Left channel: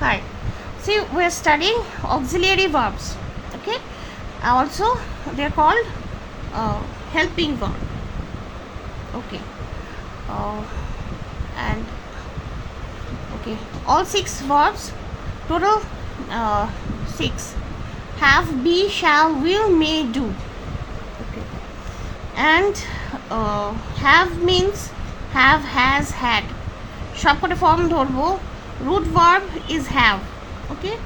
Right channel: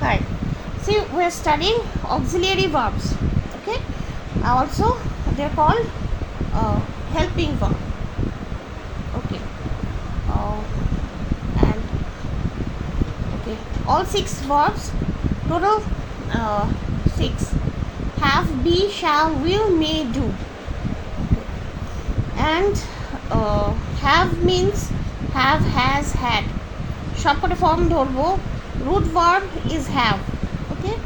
Hi. See, we're studying auxiliary verbs. Okay. Also, they're called helping verb. Okay. Uh, and okay, all 6 verbs, total 6. Have, be, shall, will, may, do. Okay. And have means have, has, had. সবকটা form ধরবো. Root verb is have. Okay,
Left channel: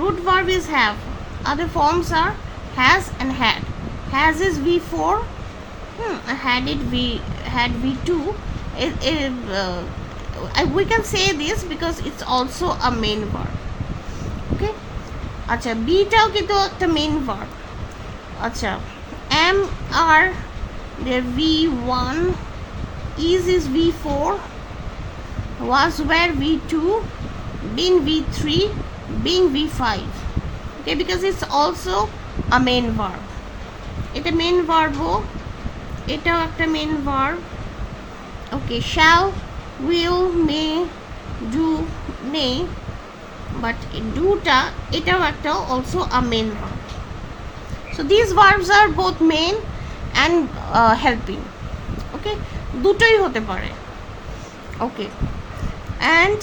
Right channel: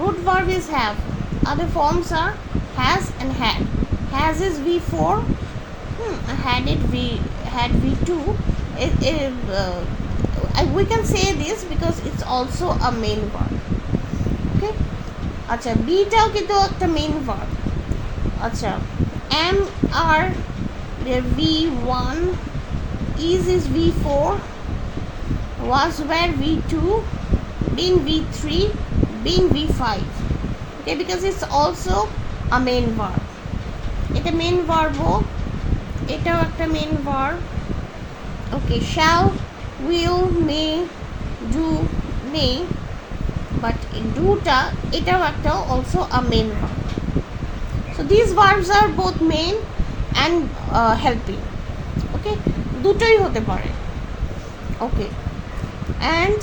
root verb is have. Other forms are has and had. Has is V4. Had V2. We can say this because it's also a main verb. Okay, আচ্ছা বিটাও কিন্তু একটা main verb. আচ্ছা am are their V1, is V4, was were V2, being V3, being V5. Okay, because it's also a main verb. এটা main verb ও এটাও একটা main verb. Okay, shall, will, may, do, may, but doটা এটাও একটা also a main verb. So these verbs are both main and helping. Okay, দুটোই হতে পারে. Okay, and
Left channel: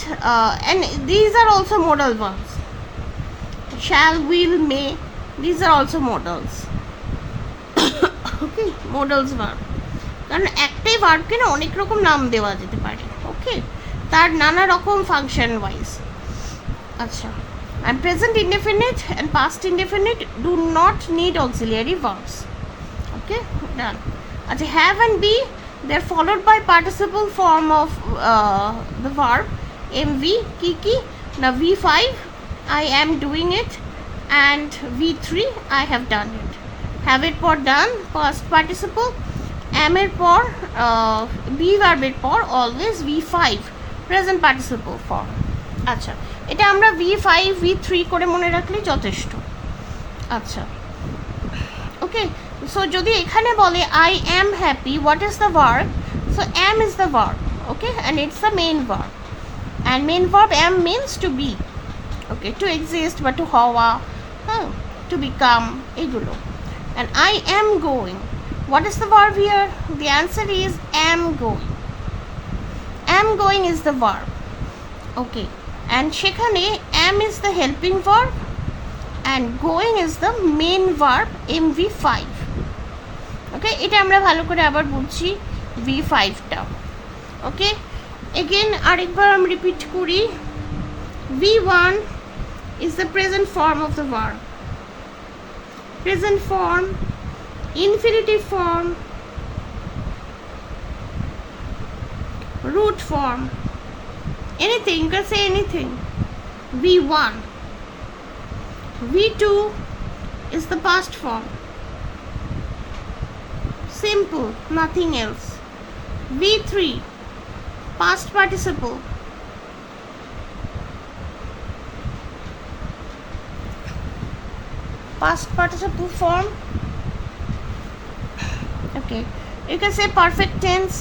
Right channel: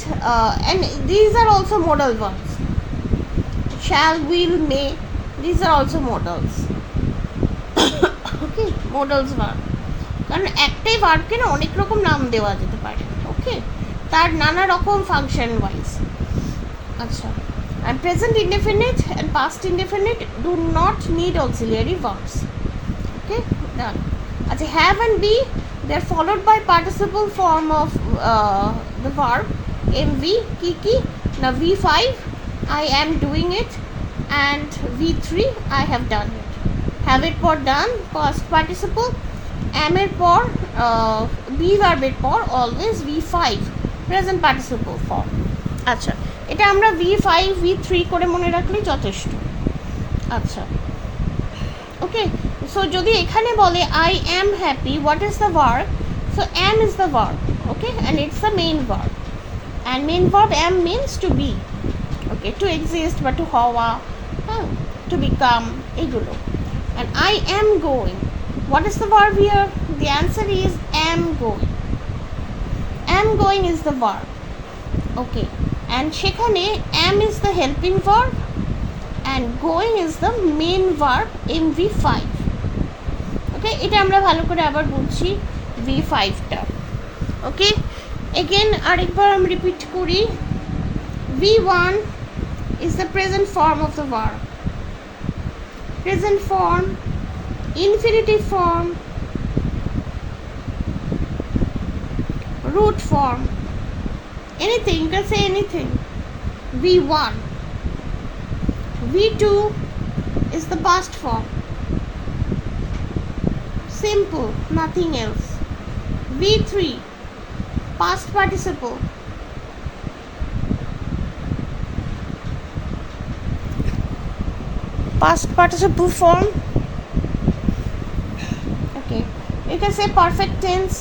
these are also modal verbs. Shall, will, may, these are also modals. Okay, modals verb. কারণ একটাই ভার্বকে না অনেক রকম নাম দেওয়া যেতে পারে. ওকে, তার নানা রকম ফাংশন ওয়াইজ. আচ্ছা, and present indefinite and past indefinite do not need auxiliary verbs. Okay, done. আচ্ছা, have and be, they are followed by participle form of the verb. mv কি now V5 I am doing it, and V3 I have done it. have এর পর done past participle, am এর পর be verb এর পর always V5 present participle form. আচ্ছা, এটা আমরা V5 V3 করে মনে রাখলেই যথেষ্ট. আচ্ছা, ওকে, সো যদি এখানে বলে I am happy, what is the verb? So am is the verb. Okay, and it's the main verb, and main verb am means to be. Okay, to exist বা to হওয়া, to become, এগুলো. And I am going, what is the verb here? The answer is am going. Am going is the verb. Okay, and সেখানে am is the helping verb and going is the main verb mv5. Okay, এটা আমরা ভালো করে আবার বুঝছি v5টা. Okay, again আরেকবার আমি repeat করি. v1 is the present form of the verb. Present form, infinitive form, root form, anything, you can say anything. v1. v2 is the past form, simple, nothing else. v3 past participle, past participle form. Okay, you can say perfect tense,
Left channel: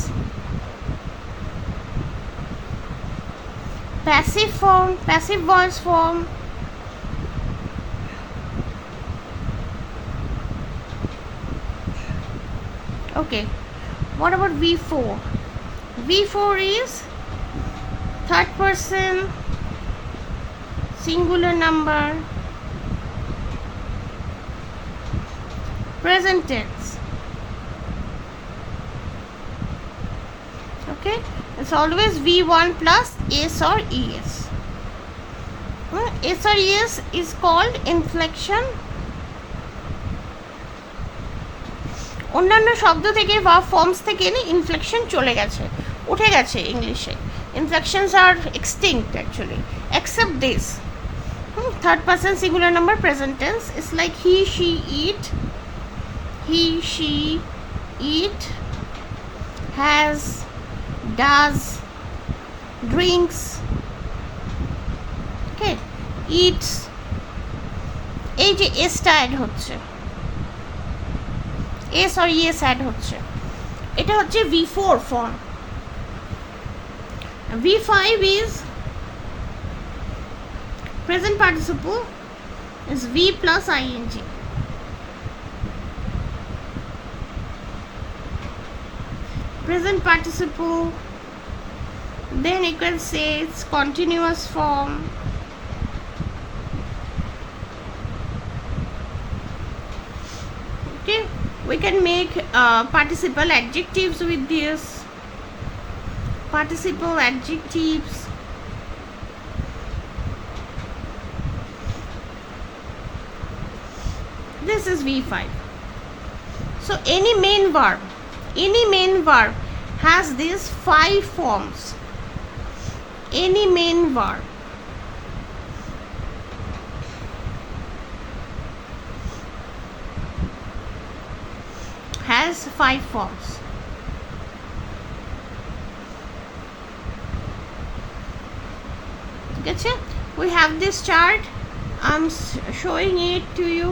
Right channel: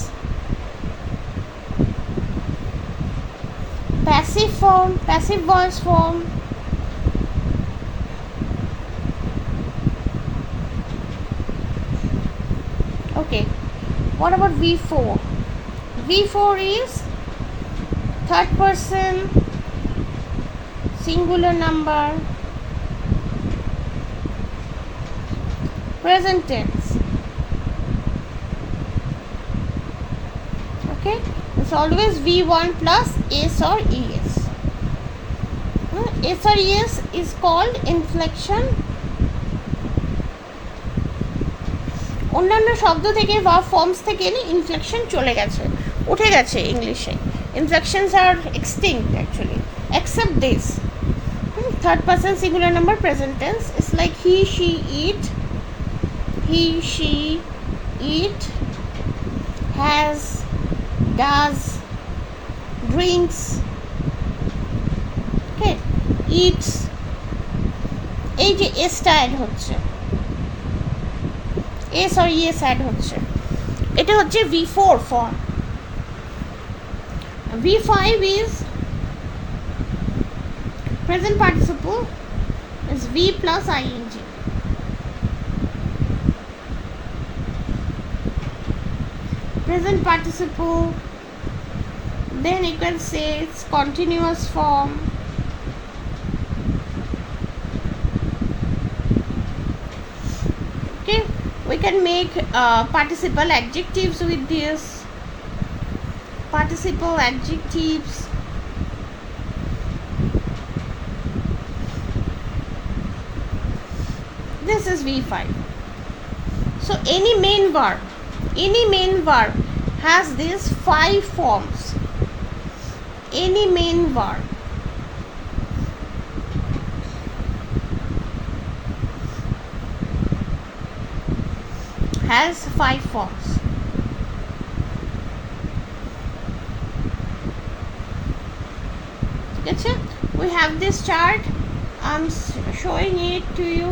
passive form, passive voice form, okay. What about v4? v4 is third person singular number, present tense. Okay, it's always v1 plus s or es. S or es is called inflection. অন্যান্য শব্দ থেকে বা forms থেকে inflection চলে গেছে, উঠে গেছে ইংলিশে. Inflections are extinct actually, except this. Third person singular number present tense is like he, she, eat. He, she, eat, has, does, drinks. Okay, eats. এই যে এসটা অ্যাড হচ্ছে, এস আর ইএস অ্যাড হচ্ছে, এটা হচ্ছে v4 form. v5 is Present participle is V plus ing. Present participle, then you can say it's continuous form. Okay, we can make participle adjectives with this. Participle adjectives. This is V5. So any main verb has these 5 forms. Any main verb has 5 forms. Okay, we have this chart. I'm showing it to you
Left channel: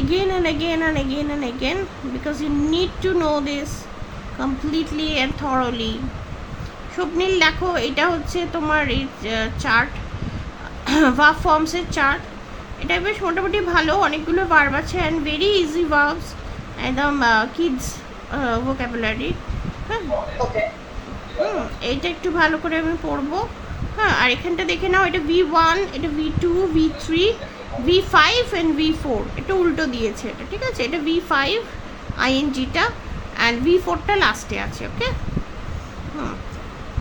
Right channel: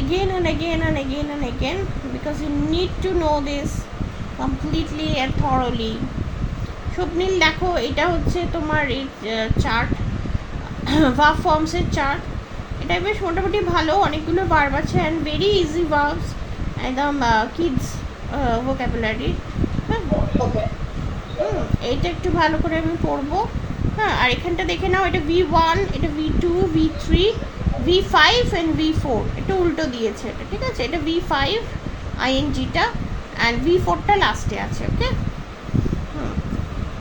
again and again and again and again because you need to know this completely and thoroughly. স্বপ্নিল দেখো এটা হচ্ছে তোমার এই chart, verb ফর্মসের chart. এটা বেশ মোটামুটি ভালো, অনেকগুলো ভার্ব আছে অ্যান্ড ভেরি ইজি ভার্বস, একদম কিডস ভোকাবুলারি। হ্যাঁ, এইটা একটু ভালো করে আমি পড়বো। হ্যাঁ, আর এখানটা দেখে নাও, এটা V1, এটা V2, V3, V5 and V4। এটা উল্টো দিয়েছে এটা, ঠিক আছে? এটা V5 আইএনজিটা অ্যান্ড V4টা লাস্টে আছে। ওকে,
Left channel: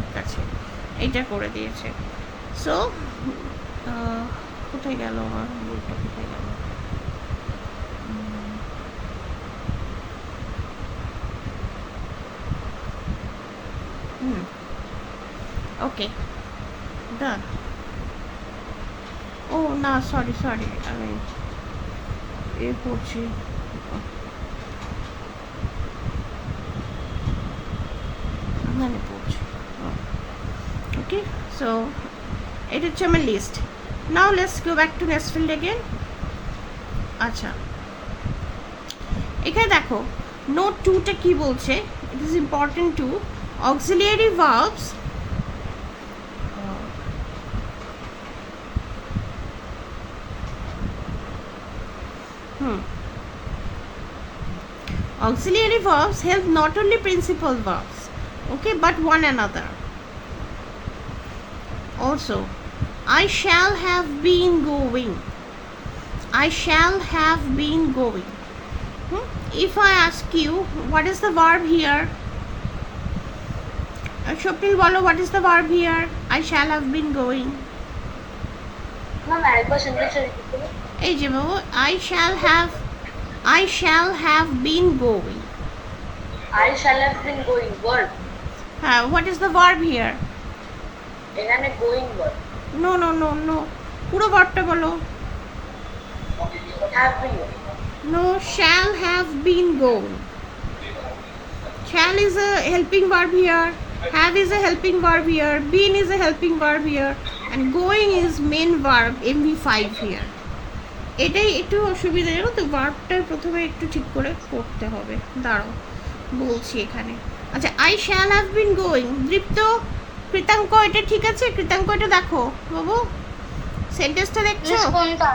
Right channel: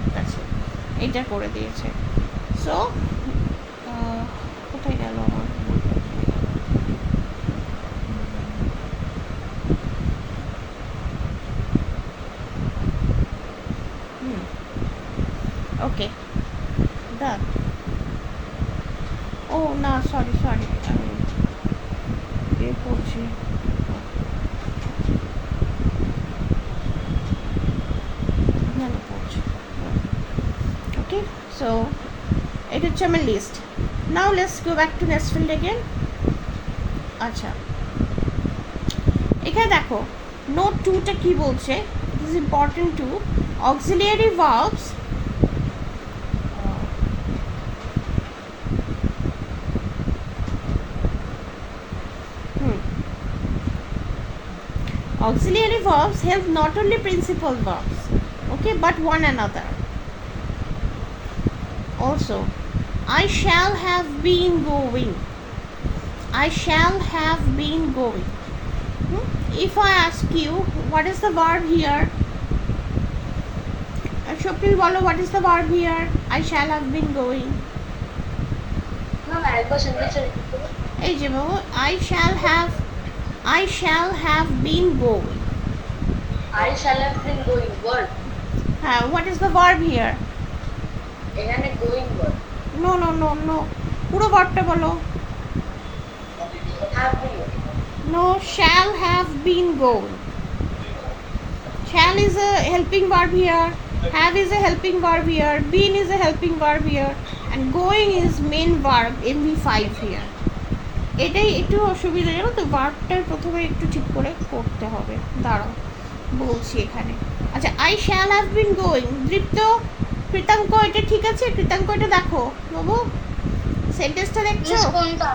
ঠিক আছে, এইটা করে দিয়েছে। সো কোথায় গেল আমার? ওকে, ডান। ও না, সরি আমি পড়ছি। Okay, so it is my list. Now let's go back to next field again. আচ্ছা, এখানে দেখো নোট 2টা কি বলছে। It is important to auxiliary verbs auxiliary verbs help not only principal verbs, okay, but one another. Also, I shall have been going. I shall have been going. If I ask you, what is the verb here? Shopil bolo, what is the verb here? I shall have been going. Ma'am, একবার সেন্টেন্সটা repeat করুন। এই যে বাবু, I shall have been going. I shall have been going, verb. What is the verb here? এখানে going verb. No. পুরো ভার্বটা বলো। Have been. No, shall have been going. Shall is a helping verb here. Have is a helping verb here. Been is a helping verb here. And going is main verb, MV5 here. এটাই একটু অসুবিধা, জানো তো, ভার্বটা প্রথমে একটু ঠিক করে করতে হবে। দাঁড়াও বলছি এখানে। আচ্ছা, I shall have been going. দীপ্ত, কৃতাঙ্ক, এটা ঠিক আছে? কৃতাঙ্ক, এটা দেখো বাবু, সেন্টেন্সটা দেখছো? কোনটা?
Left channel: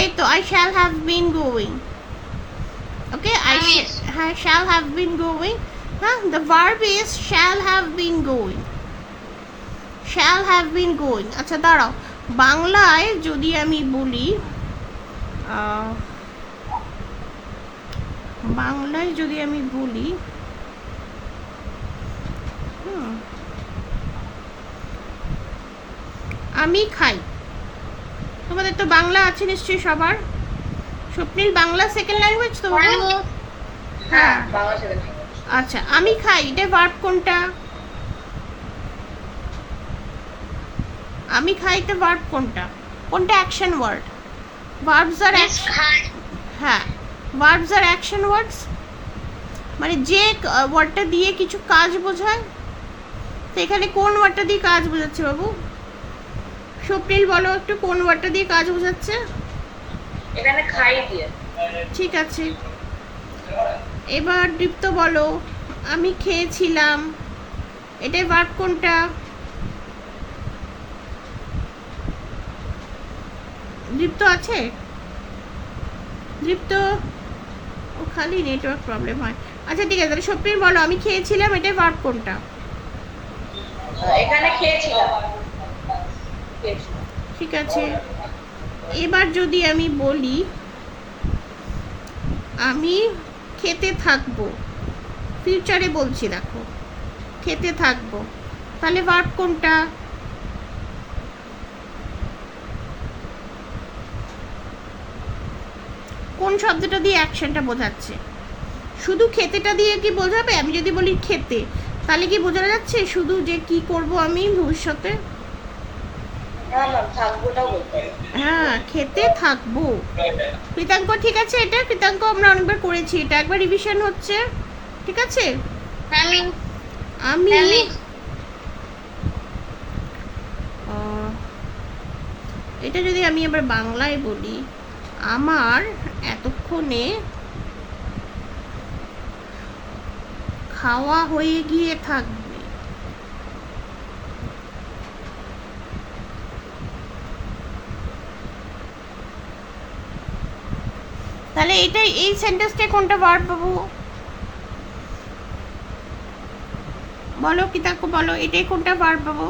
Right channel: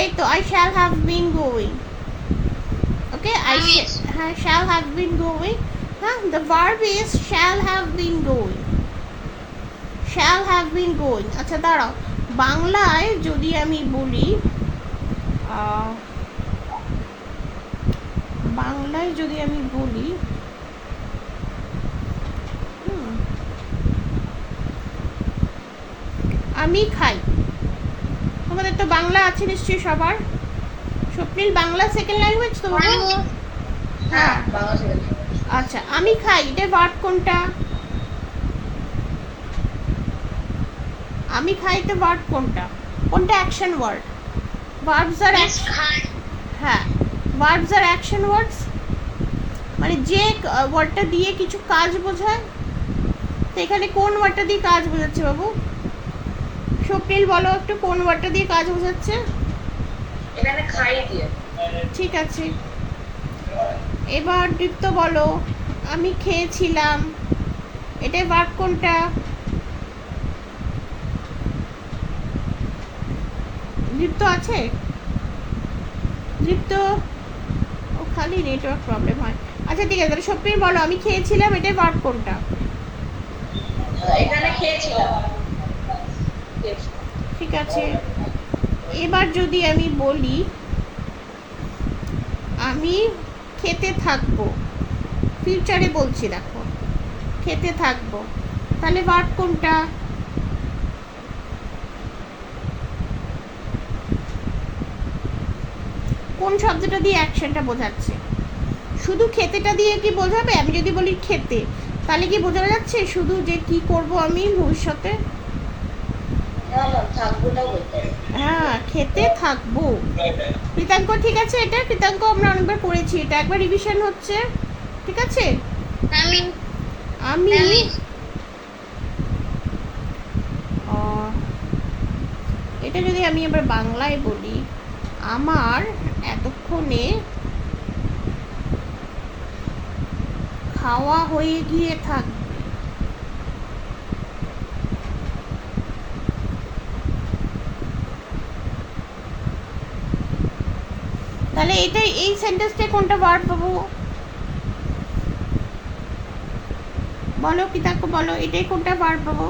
এই তো, I shall have been going. Okay, I shall have been going. The verb is shall have been going. Shall have been going. আচ্ছা দাঁড়াও, বাংলায় যদি আমি বলি, আমি খাই। তোমাদের তো বাংলা আছে নিশ্চয়ই সবার। স্বপ্নিল, বাংলা সেকেন্ড ল্যাঙ্গুয়েজ তো? হ্যাঁ, বাংলা সেকেন্ড। আচ্ছা, আমি খাই, এটা ভার্ব কোনটা? আমি খাইতে ভার্ব কোনটা? Action word? ভার্বস আর হ্যাঁ, ভার্বস আর অ্যাকশন ওয়ার্ডস, মানে যে ওয়ার্ডটা দিয়ে কিছু কাজ বোঝায়। তো এখানে কোন ওয়ার্ডটা দিয়ে কাজ বোঝাচ্ছে বাবু? স্বপ্নিল বলো একটু, কোন ওয়ার্ডটা দিয়ে কাজ বোঝাচ্ছে? এখানে খাই দিয়ে। ঠিক আছে, এবার দীপ্ত বলো, আমি খেয়েছিলাম, এটাই ভার্ব কোনটা? দীপ্ত আছে? দীপ্ত, ও খালি নেটওয়ার্ক প্রবলেম হয়। আচ্ছা ঠিক আছে, তাহলে সত্যি বলো, আমি খেয়েছিলাম, এটার ভার্ব কোনটা? এখানে খেয়েছিলাম। ঠিক আছে, এবার যদি আমি বলি আমি খেতে থাকবো, ফিউচারে বলছি, দেখো খেতে থাকবো, তাহলে ভার্ব কোনটা? কোন শব্দটা দিয়ে অ্যাকশনটা বোঝাচ্ছে? শুধু খেতেটা দিয়ে কি বোঝাবে? আমি যদি বলি খেতে, তাহলে কি বোঝানো যাচ্ছে শুধু যে কি করব আমি ভবিষ্যতে? হ্যাঁ, খেতে থাকবো। কৃতাঙ্ক ঠিক আছে, এটা কৃতাঙ্ক আমরা অনেকবার করেছি, এটা একবার রিভিশন হচ্ছে। ঠিক আছে, আমি এটা যদি আমি এবার বাংলায় বলি, আমার এতক্ষণে খাওয়া হয়ে গিয়ে থাকবে। তাহলে এটাই, এই সেন্টেন্সটা কোনটা ভার্ব পাবো? বলো কৃতাঙ্ক, বলো এটাই কোনটা ভার্ব পাবো?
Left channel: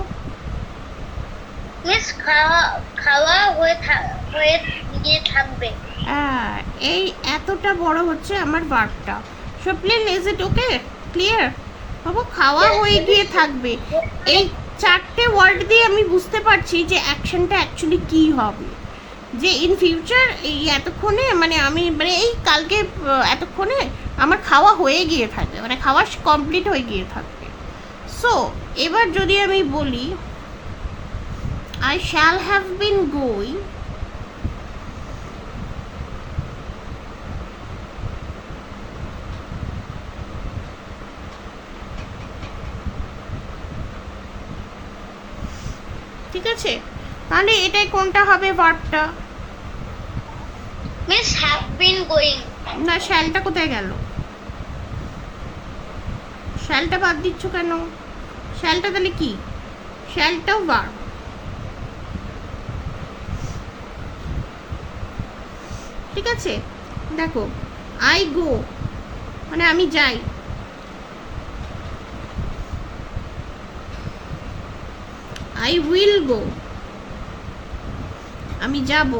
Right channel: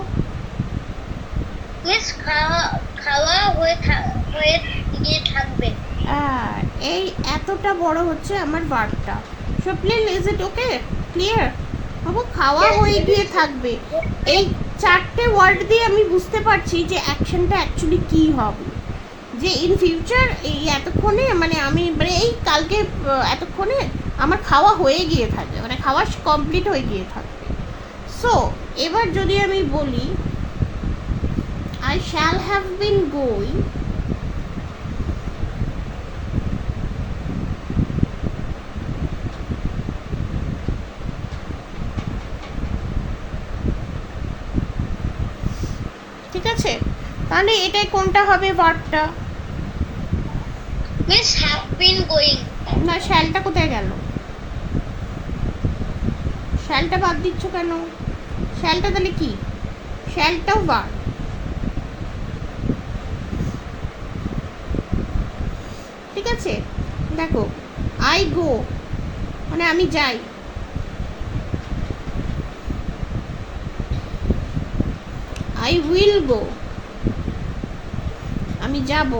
মিস খাওয়া হয়ে গিয়ে থাকবে। এই এতটা বড় হচ্ছে আমার ভার্বটা। So please, is it okay, clear? বাবু খাওয়া হয়ে গিয়ে থাকবে, এই চারটে ওয়ার্ড দিয়ে আমি বুঝতে পারছি যে অ্যাকশনটা অ্যাকচুয়ালি কী হবে। যে ইন ফিউচার এই এতক্ষণে, মানে আমি মানে এই কালকে এতক্ষণে আমার খাওয়া হয়ে গিয়ে থাকবে, মানে খাওয়া কমপ্লিট হয়ে গিয়ে থাকবে। সো এবার যদি আমি বলি I shall have been going, ঠিক আছে, তাহলে এটাই কোনটা হবে ভার্বটা? Miss have been going. না, শ্যালটা কোথায় গেল? শ্যালটা বাদ দিচ্ছ কেন? শ্যালটা তাহলে কি? শ্যালটাও ভার্ব। ঠিক আছে, দেখো আই গো মানে আমি যাই, আই উইল গো আমি যাব।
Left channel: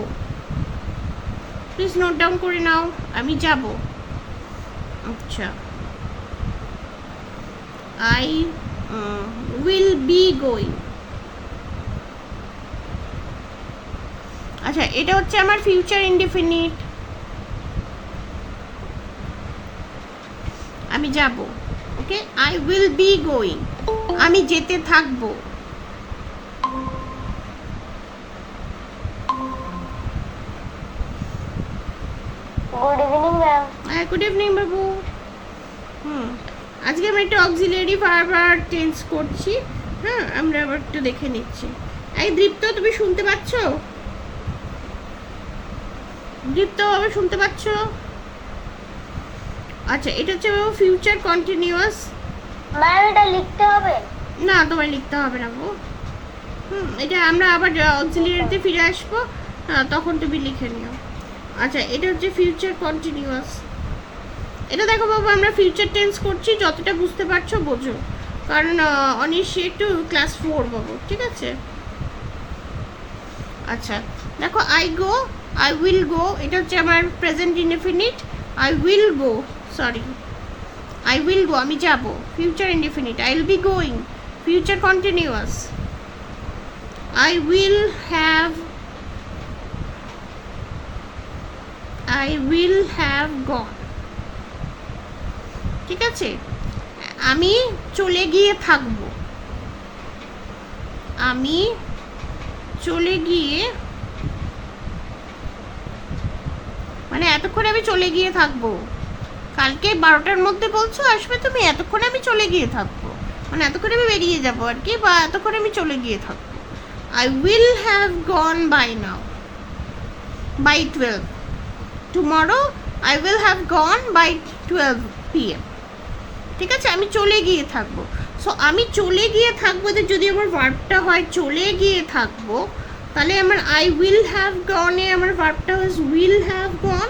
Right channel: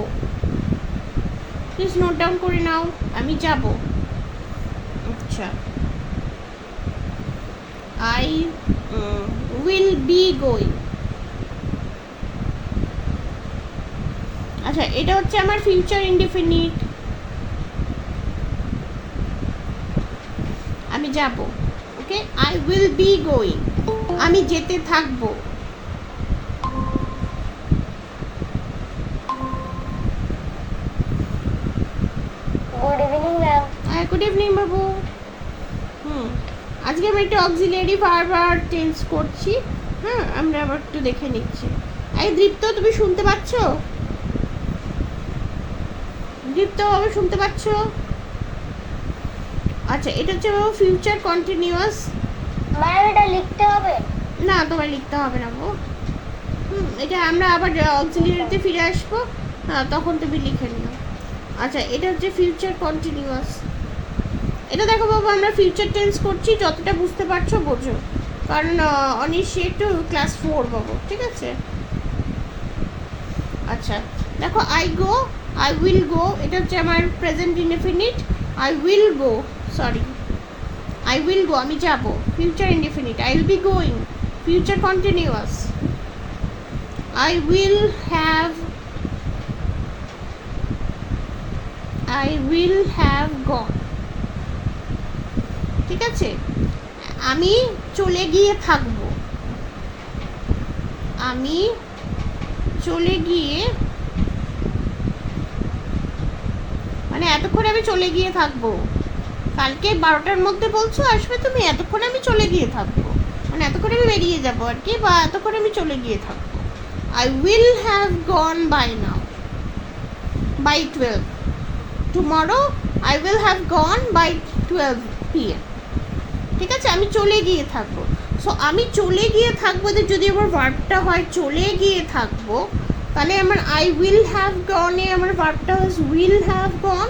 প্লিজ নোট ডাউন করে নাও, আমি যাব। আচ্ছা, আই উইল বি গোয়িং। আচ্ছা, এটা হচ্ছে আমার ফিউচার ইনডিফিনিট, আমি যাব। ওকে, আই উইল বি গোয়িং, আমি যেতে থাকবো। Good evening ma'am. হ্যাঁ, গুড ইভিনিং বাবু। আজকে আমি একটা অক্সিলিয়ারি ভার্ব চেঞ্জ করছি। হ্যাঁ, আমরা আবার একটু দেখে নিচ্ছি। এই দীপ্ত, তুমি শুনতে পাচ্ছ? দীপ্ত, আবার শুনতে পাচ্ছ? আচ্ছা, এটা হচ্ছে বাবু ফিউচার কন্টিনিউয়াস। ম্যাম এটা লিখতে হবে? না, তোমায় লিখতে হবে না বাবু। এটা আমরা আবার অক্সিলিয়ারিতে ফিরে আসবো, তখন তুমি লিখে নিও। আচ্ছা, এটা হচ্ছে ফিউচার কন্টিনিউয়াস। এটা দেখো বাবু, আমরা ফিউচার টেন্স করছি, যতটা বুঝতে পারছো বোঝো, কারণ অনিশ্চয় একটু ক্লাস 4 বাবু, ঠিক আছে? আচ্ছা দেখো, আই গো, আই উইল গো, এটা হচ্ছে আমার present indefinite. I will go, sorry, I will গো আমি যাব, future indefinite. I will be going, future continuous. I will have, I will have গন। ঠিক আছে, আমি চলে গিয়ে থাকবো, আমি চলে গিয়ে, মানে এতক্ষণ আমি চলে গিয়ে থাকবো। কালকে 12টার মধ্যে বলছো আসবে তুমি, এতক্ষণে আমি চলে গিয়ে থাকবো, মানে এতক্ষণে আমি বেরিয়ে যাবো আর কি, বা এতক্ষণে আমি চলে গিয়ে থাকবো। I will have gone by now, by 12। Tomorrow I will have gone by 12 PM। ঠিক আছে, আমি চলে গিয়ে থাকবো। সো আমি চলে গিয়ে থাকবো, যদি আমার ভার্বটা হয় চলে গিয়ে থাকবো, তাহলে আমার আই উইল হ্যাভ গনে আমার ভার্বটা হচ্ছে উইল হ্যাভ গন,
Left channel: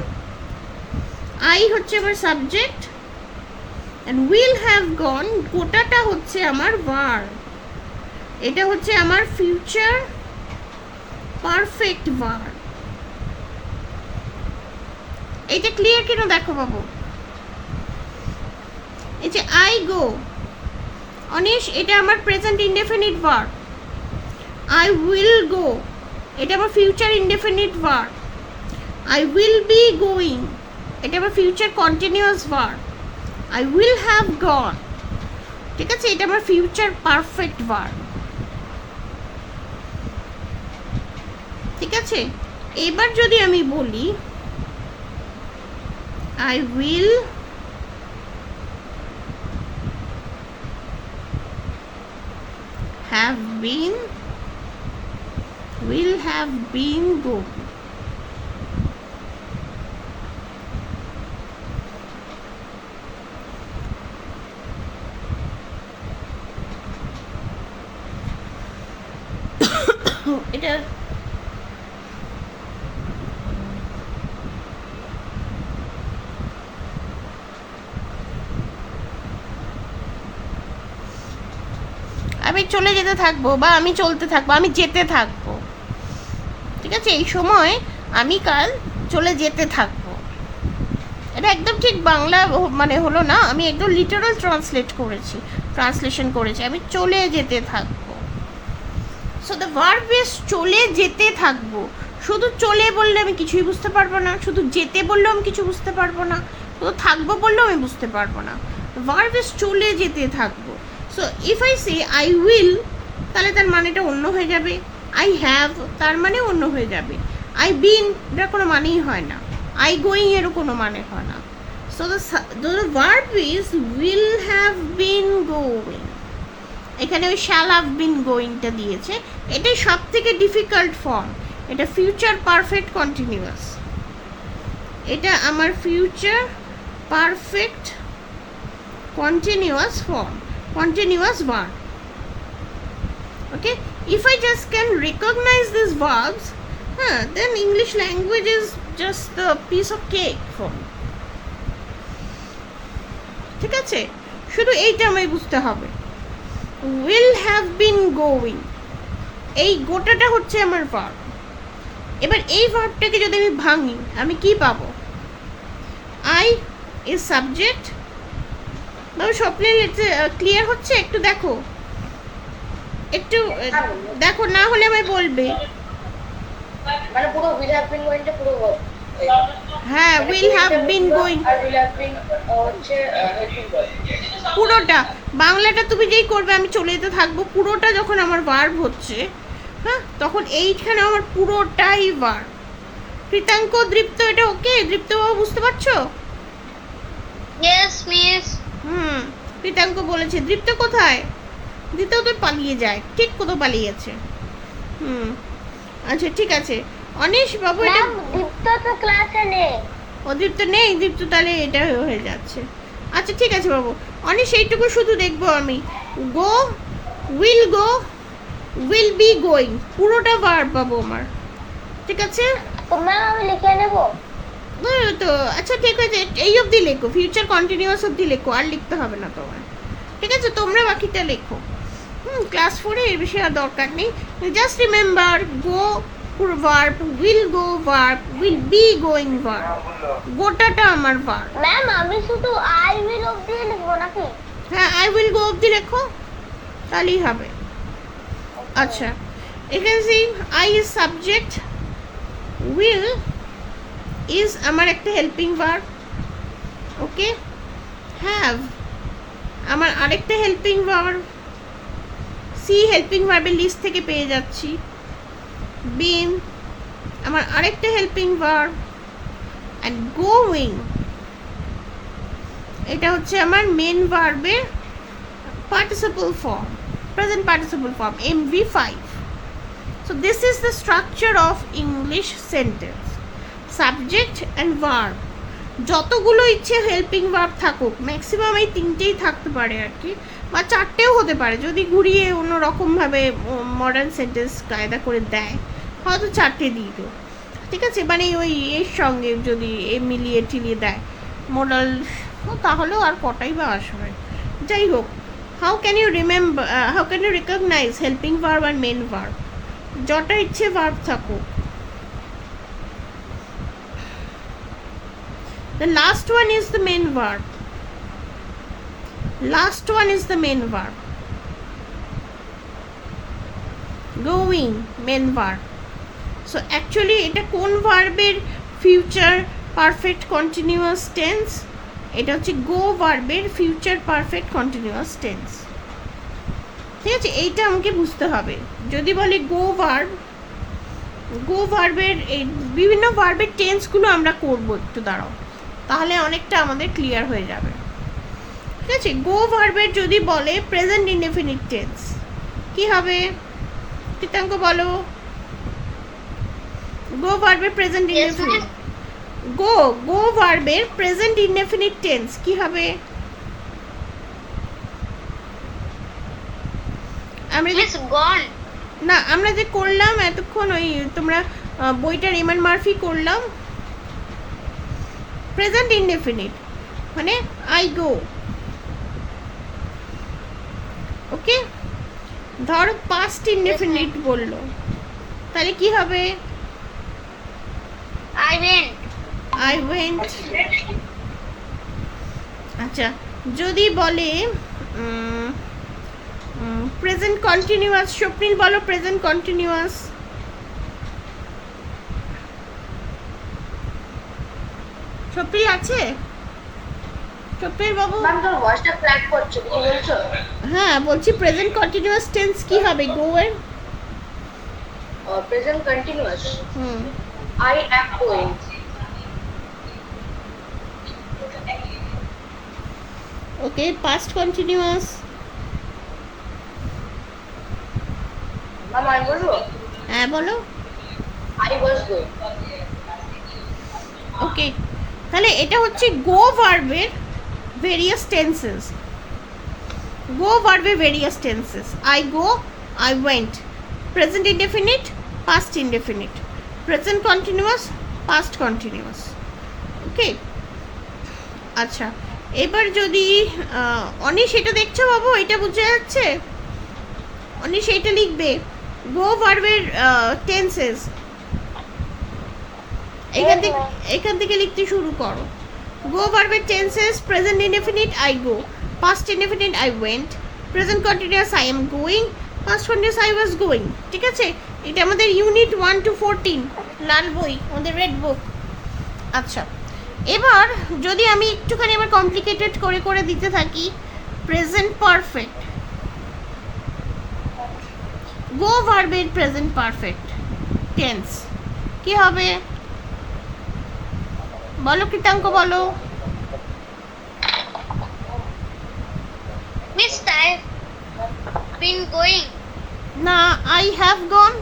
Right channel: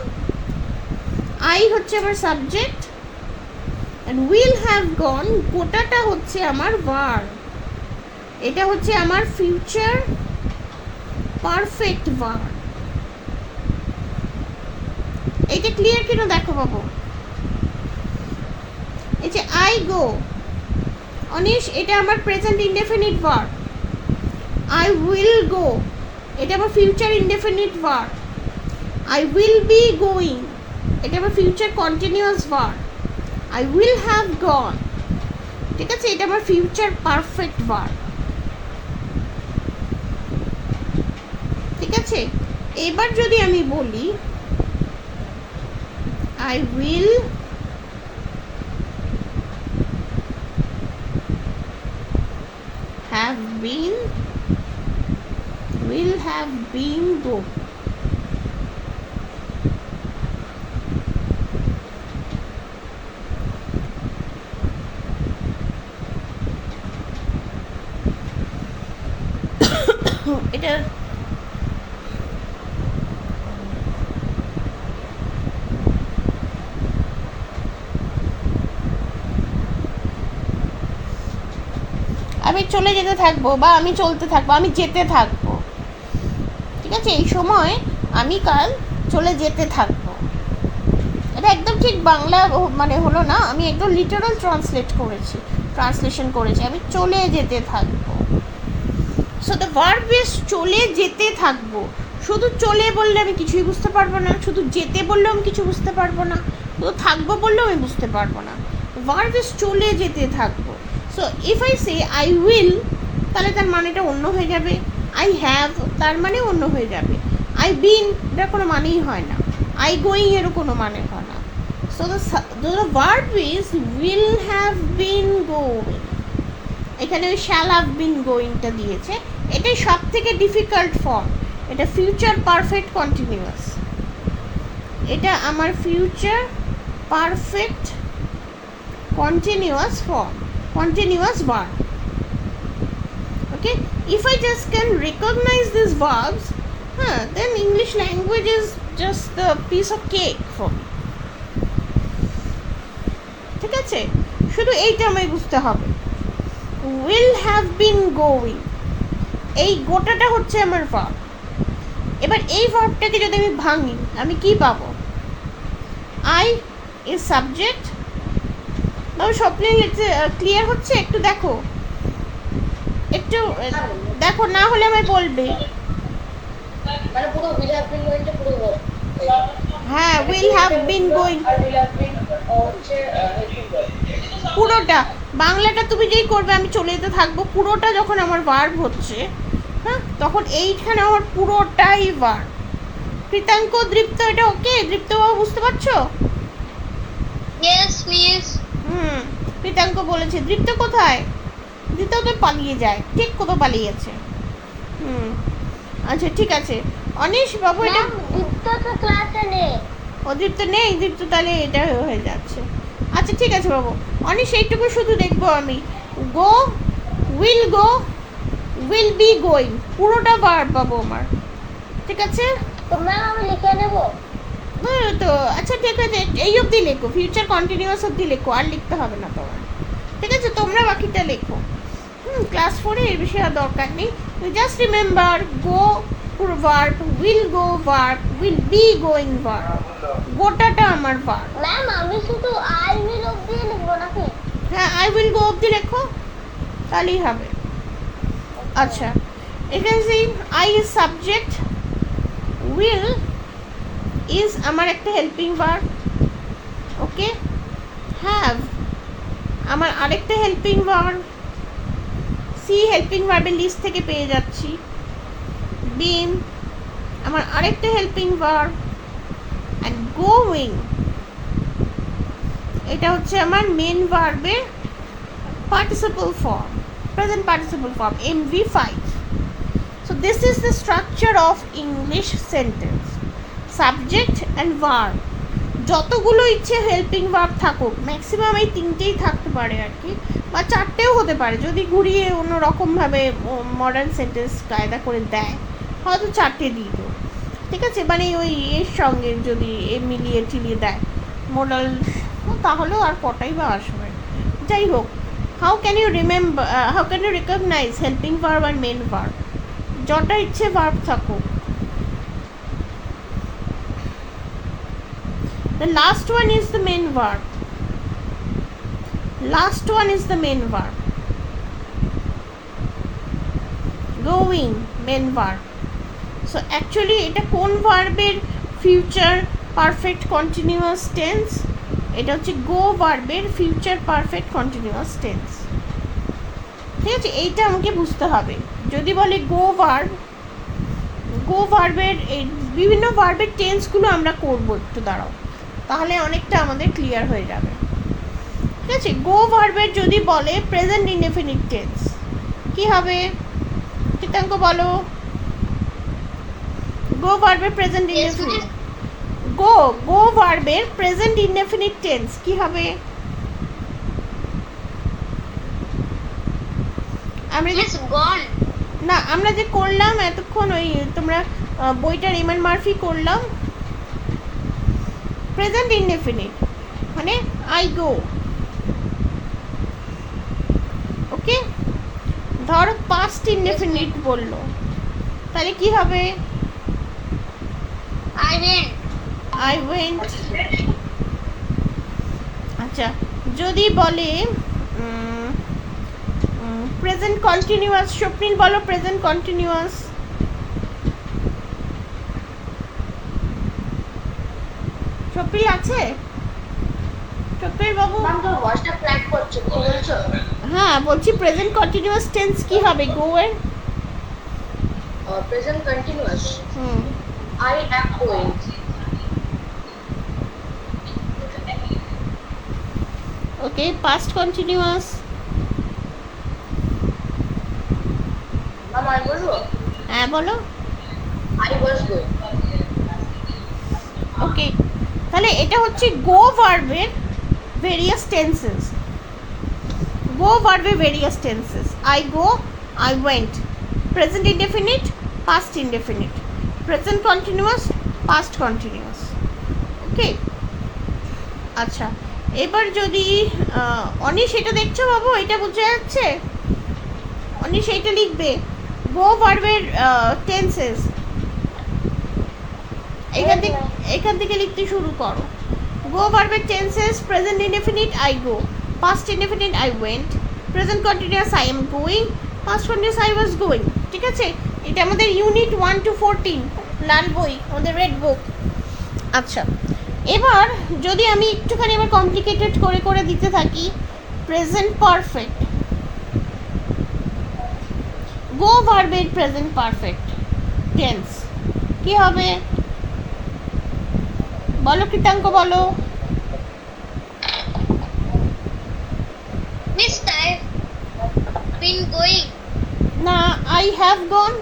আই হচ্ছে আমার subject and will have gone গোটাটা হচ্ছে আমার ভার্ব। এটা হচ্ছে আমার ফিউচার পারফেক্ট ভার্ব। এইটা ক্লিয়ার কিনা দেখো বাবু। এই যে আই গো, অনিশ এটা আমার present indefinite verb. I will গো এটা আমার future indefinite verb. I will be going এটা আমার future continuous verb. I will have গন, ঠিক আছে, এটা আমার ফিউচার পারফেক্ট ভার্ব। ঠিক আছে, এবার যদি আমি বলি I will have been, will have been go. এটা আমি চলে যেতে থাকবো বা আমি চলতে থাকবো, আমি যেতে থাকবো, ঠিক আছে, এই সময় আমি কাল চলে যেতে থাকবো। এটা একদম ঠিক বাংলা মানে হলো না, আমি একদম লিটারাল ট্রান্সলেশন করেছি, আমি চলে যেতে থাকবো। সো দ্য ভার্ব ইজ চলে যেতে থাকবো। শুধু চলে বললে আমি কিছুই বুঝতে পারবো না, শুধু যেতে বললেও আমি কিছু বুঝতে পারবো না, শুধু থাকবো বললেও আমি বুঝতে পারবো না। ভার্ব ইজ চলে যেতে থাকবো। So if I say I will, তাহলে তার মানেটা অন্য হয়ে যাবে। আই হ্যাভ তার মানে অন্য হয়ে যাবে। আই বিন এটার কোনো মানেই হয় না। আই গোয়িং এরও কোনো মানে হয় না। So the verb is will have been going. এখানে ওই শ্যাল হ্যাভ বিন গোয়িংটা দিয়েছে, এটাই সব থেকে ডিফিকাল্ট ফর্ম। এটা ফিউচার পারফেক্ট কন্টিনিউয়াস, এটা আমার future perfect continuous form, continuous verb. Okay, if I just can recognize these verbs, then English language is just the piece of cake for me. ঠিক আছে, শুধু এইটা আমায় বুঝতে হবে। will have been going, এই গোটাটা হচ্ছে আমার ভার্ব। এবার এই ভার্বটাকে যদি আমি ভাঙি আমি কি পাবো? I is subject। স্বপ্নে ক্লিয়ার হচ্ছে? একটু দেখো, একটু দেখো, না হলে আমায় বলবে। মানে পুরো will have been going টা পুরো হ্যাঁ, will have been going R will have been হচ্ছে পুরোটা। বাংলাটা তুমি যেই করবে আমি চলে যেতে থাকবো, পুরোটা যখন আমার ভার্ব হচ্ছে, হ্যাঁ, তখন এইখানে আমার পুরোটাই ভার্ব। কৃতাঙ্ক, দৃপ্ত, এটা ওকে? দৃপ্ত বাবু বুঝতে পারছো? Yes miss. কৃতাঙ্ক বলেছে। দৃপ্ত কোথায়? দৃপ্ত তো পালিয়ে যায়, ঠিক কোথাও পালিয়ে গেছে। আচ্ছা ঠিক আছে। অনিশ বাবু এটা দীপ্ত তো ক্লাসে নেই। ও দৃপ্ত নেই, দৃপ্ত তাহলে এটা হয়ে যাচ্ছে। আচ্ছা ঠিক আছে বাবু, অনিশ এইটুকু শুধু দেখবো আমি। গো, উইল বি গোয়িং, পুরোটা ভার্ব পাবো আমার, ঠিক আছে? তো ম্যাম আমি লিখে নেব তো আচ্ছা ঠিক আছে, এই অবধি লেখো, ফিউচার কন্টিনিউয়াস অবধি লেখো, আর লিখতে হবে না তোমার, ঠিক আছে? তোমরা বাকিটা লেখো। ক্লাস 4-এ এর বিষয়ে আর দরকার নেই। Just remember, go verb, will go verb, will be going verb, গোটাটা আমার ভার্ব। ম্যাম আমি শুধু আই উইল অবধি লিখবো নাকি? হ্যাঁ, আই উইল গো অবধি লেখো, তাহলেই হবে। আচ্ছা, এখানে সেই I is subject, will is আমার একটা হেল্পিং ভার্ব, ওকে? হ্যাভ আমার আরেকটা হেল্পিং ভার্ব, সি হেল্পিং ভার্বের লিস্ট থেকে পেয়ে যাচ্ছি। বিন আমার আরেকটা হেল্পিং ভার্ব, অ্যান্ড গোয়িং এটা হচ্ছে আমার মেন ভার্বের participle form, present participle form, MV5. So this is the structure of English sentence. Subject and verb, যতগুলো ইচ্ছে হেল্পিং ভার্ব থাকুক, ম্যাক্সিমাম এই তিনটেই থাকতে পারে আর কি, বা চারটেও হতে পারে যদি ঘুরিয়ে অন্য রকমভাবে মডার্ন সেন্টেন্স কায়দা করে দেয়, হয়তো 4টে দিয়ে দিও, ঠিক আছে, মানে ওই এর সঙ্গে যদি এ মিলিয়ে টিলিয়ে দেয় মোডাল, তাহলেও আর কটাই বা আসবে। যাই হোক, how can you remember, how can you recognise helping verb আর মেন ভার্ব? যটা ইচ্ছে ভার্ব থাকুক, the last one is the main verb. Last one is the main verb. Going, main verb. So actually এটা কোন ভার্বের future perfect continuous tense? এটা হচ্ছে গো ভার্বের ফিউচার পারফেক্ট কন্টিনিউয়াস টেন্স। ঠিক আছে, এইটা আমাকে বুঝতে হবে। যদি বলে গো ভার্ব, গো ভার্বের এই বিভিন্ন ভার্বের টেন্সগুলো আমরা করবো, একটু দাঁড়াও, তাহলে অনেকটা আমাদের ক্লিয়ার হয়ে যাবে। ঠিক আছে, গো ভার্বের যদি বলে প্রেজেন্ট ইনডেফিনিট টেন্স, কি হবে? কীর্তাঙ্ক বলো। গো ভার্বের প্রেজেন্ট ইনডেফিনিট, গো ভার্বের প্রেজেন্ট ইনডেফিনিট টেন্স কি হবে? আমরা না, আমরা যে করলাম এতক্ষণ, ওই তোমরা বইটা রেমন্ড মার্ফি করলাম, প্রেজেন্ট ইনডেফিনিট মানে আই গো। ওকে, ধর পাস্ট ইনডেফিনিট বললো, তাহলে কি হবে? I went. আচ্ছা, যদি বলে প্রেজেন্ট কন্টিনিউয়াস, স্বপ্নিল বলো প্রেজেন্ট কন্টিনিউয়াস। স্বপ্নিল আছে? স্বপ্নিল বাবু, হ্যাঁ বলছি প্রেজেন্ট কন্টিনিউয়াস টেন্স কি হবে গো এর? Present continuous, I am going. Okay, past continuous. আমি বলবো? হ্যাঁ বলো। I was going. ওকে, তাহলে এটা হচ্ছে গো ভার্বের ভেরিয়াস টেন্সেস। গো ভার্বের various tenses, I go, I went, present indefinite, past indefinite, present continuous, past continuous. Okay, আচ্ছা, এবার যদি অনিশ এটা দেখছো বাবু, এটা বোঝা যাচ্ছে? অনিশ এইটা লিখবে, গো ভার্বের টেন্সেস, এখান থেকে লিখতে শুরু করো। গো ভার্বের tenses, present indefinite I go, past indefinite I went, present continuous I am going, past continuous I was going. ঠিক আছে, এটা আমাদের ইউনিট 1 to 14 লাল বই, আমাদের রেড বুক। আচ্ছা, এবার যদি আমি একটুখানি এবার কমপ্লিকেটেড করে করে দিতে থাকি, প্রেজেন্ট পারফেক্ট, গো ভার্বের প্রেজেন্ট পারফেক্ট টেন্স কি হবে বলো, কৃতাঙ্ক বলো। Miss, I've been going. না, আই হ্যাভ গন।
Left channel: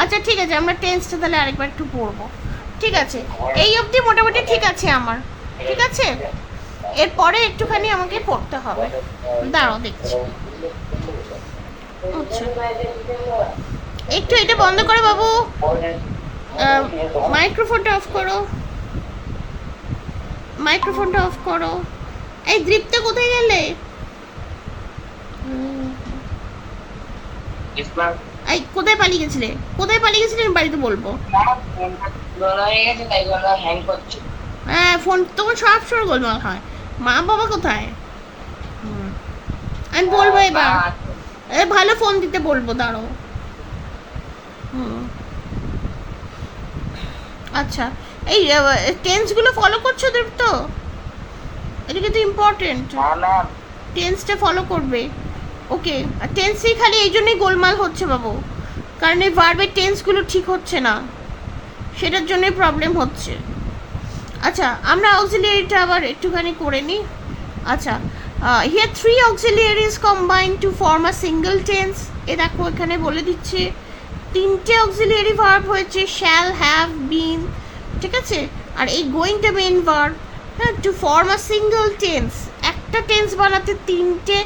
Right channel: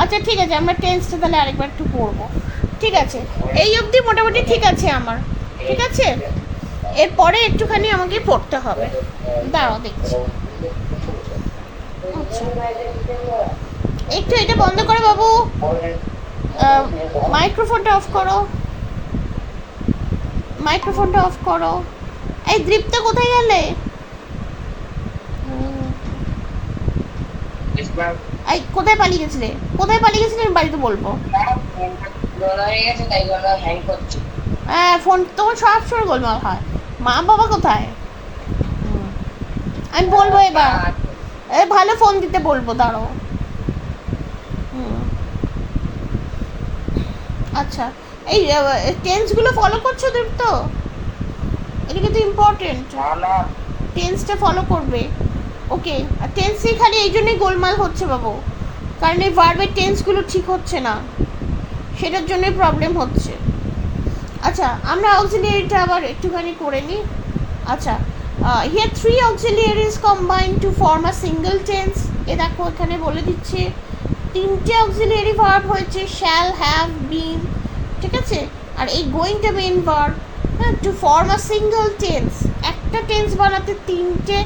আচ্ছা ঠিক আছে, আমরা টেন্সটা তাহলে আরেকবার একটু পড়বো। ঠিক আছে, এই অবধি মোটামুটি ঠিক আছে আমার। ঠিক আছে, এরপরে একটুখানি আমাকে পড়তে হবে, দাঁড়াও দেখছি। আচ্ছা, একটু এটা বন্ধ করো বাবু, মাইক্রোফোনটা অফ করো, মাইক্রোফোনটা অফ করো। এই দীপ্তা কোথায় গেলে? এই কোথায় পালিয়ে গেছিলে? কোথায় পালিয়ে গেছিলে আমি বাড়িতে বলবো। হ্যাঁ, ফোন তো সব সময় গোলমাল হয়। মা বাবা কোথায়? আমি বলবো এবার, ভালো ফোন দিতে বলবো, দাঁড়াও। আচ্ছা, এই টেন্সগুলো ফলো করছো দীপ্ত? এটা কিন্তু ইম্পর্টেন্ট, টেন্সটা ফলো করবে। ওকে, আর টেন্সই খালি এই জন্যই গোলমাল হচ্ছে বাবু, কারণ এই ভার্বের টেন্সগুলো ঠিক হচ্ছে না, সেটার জন্যই প্রবলেম হচ্ছে। আচ্ছা, আমরা অক্সিলিয়ারিটা আবার একটুখানি করে নিই। আচ্ছা, here 3 auxiliaries combine to form a single tense. এ দেখো এখানে বলে দিচ্ছে 3টে অক্সিলিয়ারি ভার্ব হয়েছে, শ্যাল, হ্যাভ, বিন। ঠিক আছে, আর এই গোয়িংটা মেন ভার্ব। হ্যাঁ, to form a single tense, একটা টেন্স বানাতে 3টে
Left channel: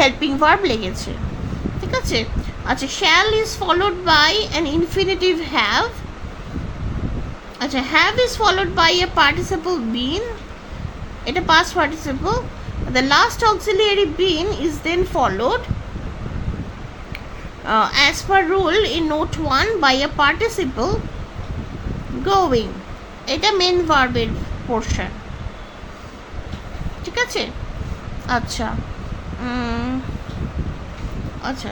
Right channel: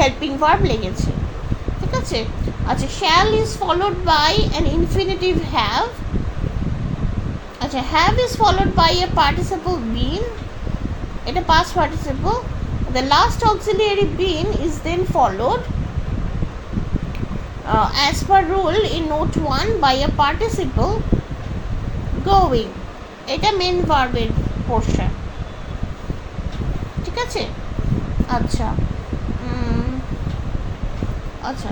হেল্পিং ভার্ব লেগেছে। ঠিক আছে, আচ্ছা, shall is followed by an infinitive have. আচ্ছা, have is followed by a participle been. এটা past participle. The last auxiliary been is then followed as per rule in note 1 by a participle going. এটা main verb এর portion. ঠিক আছে? আচ্ছা, আচ্ছা,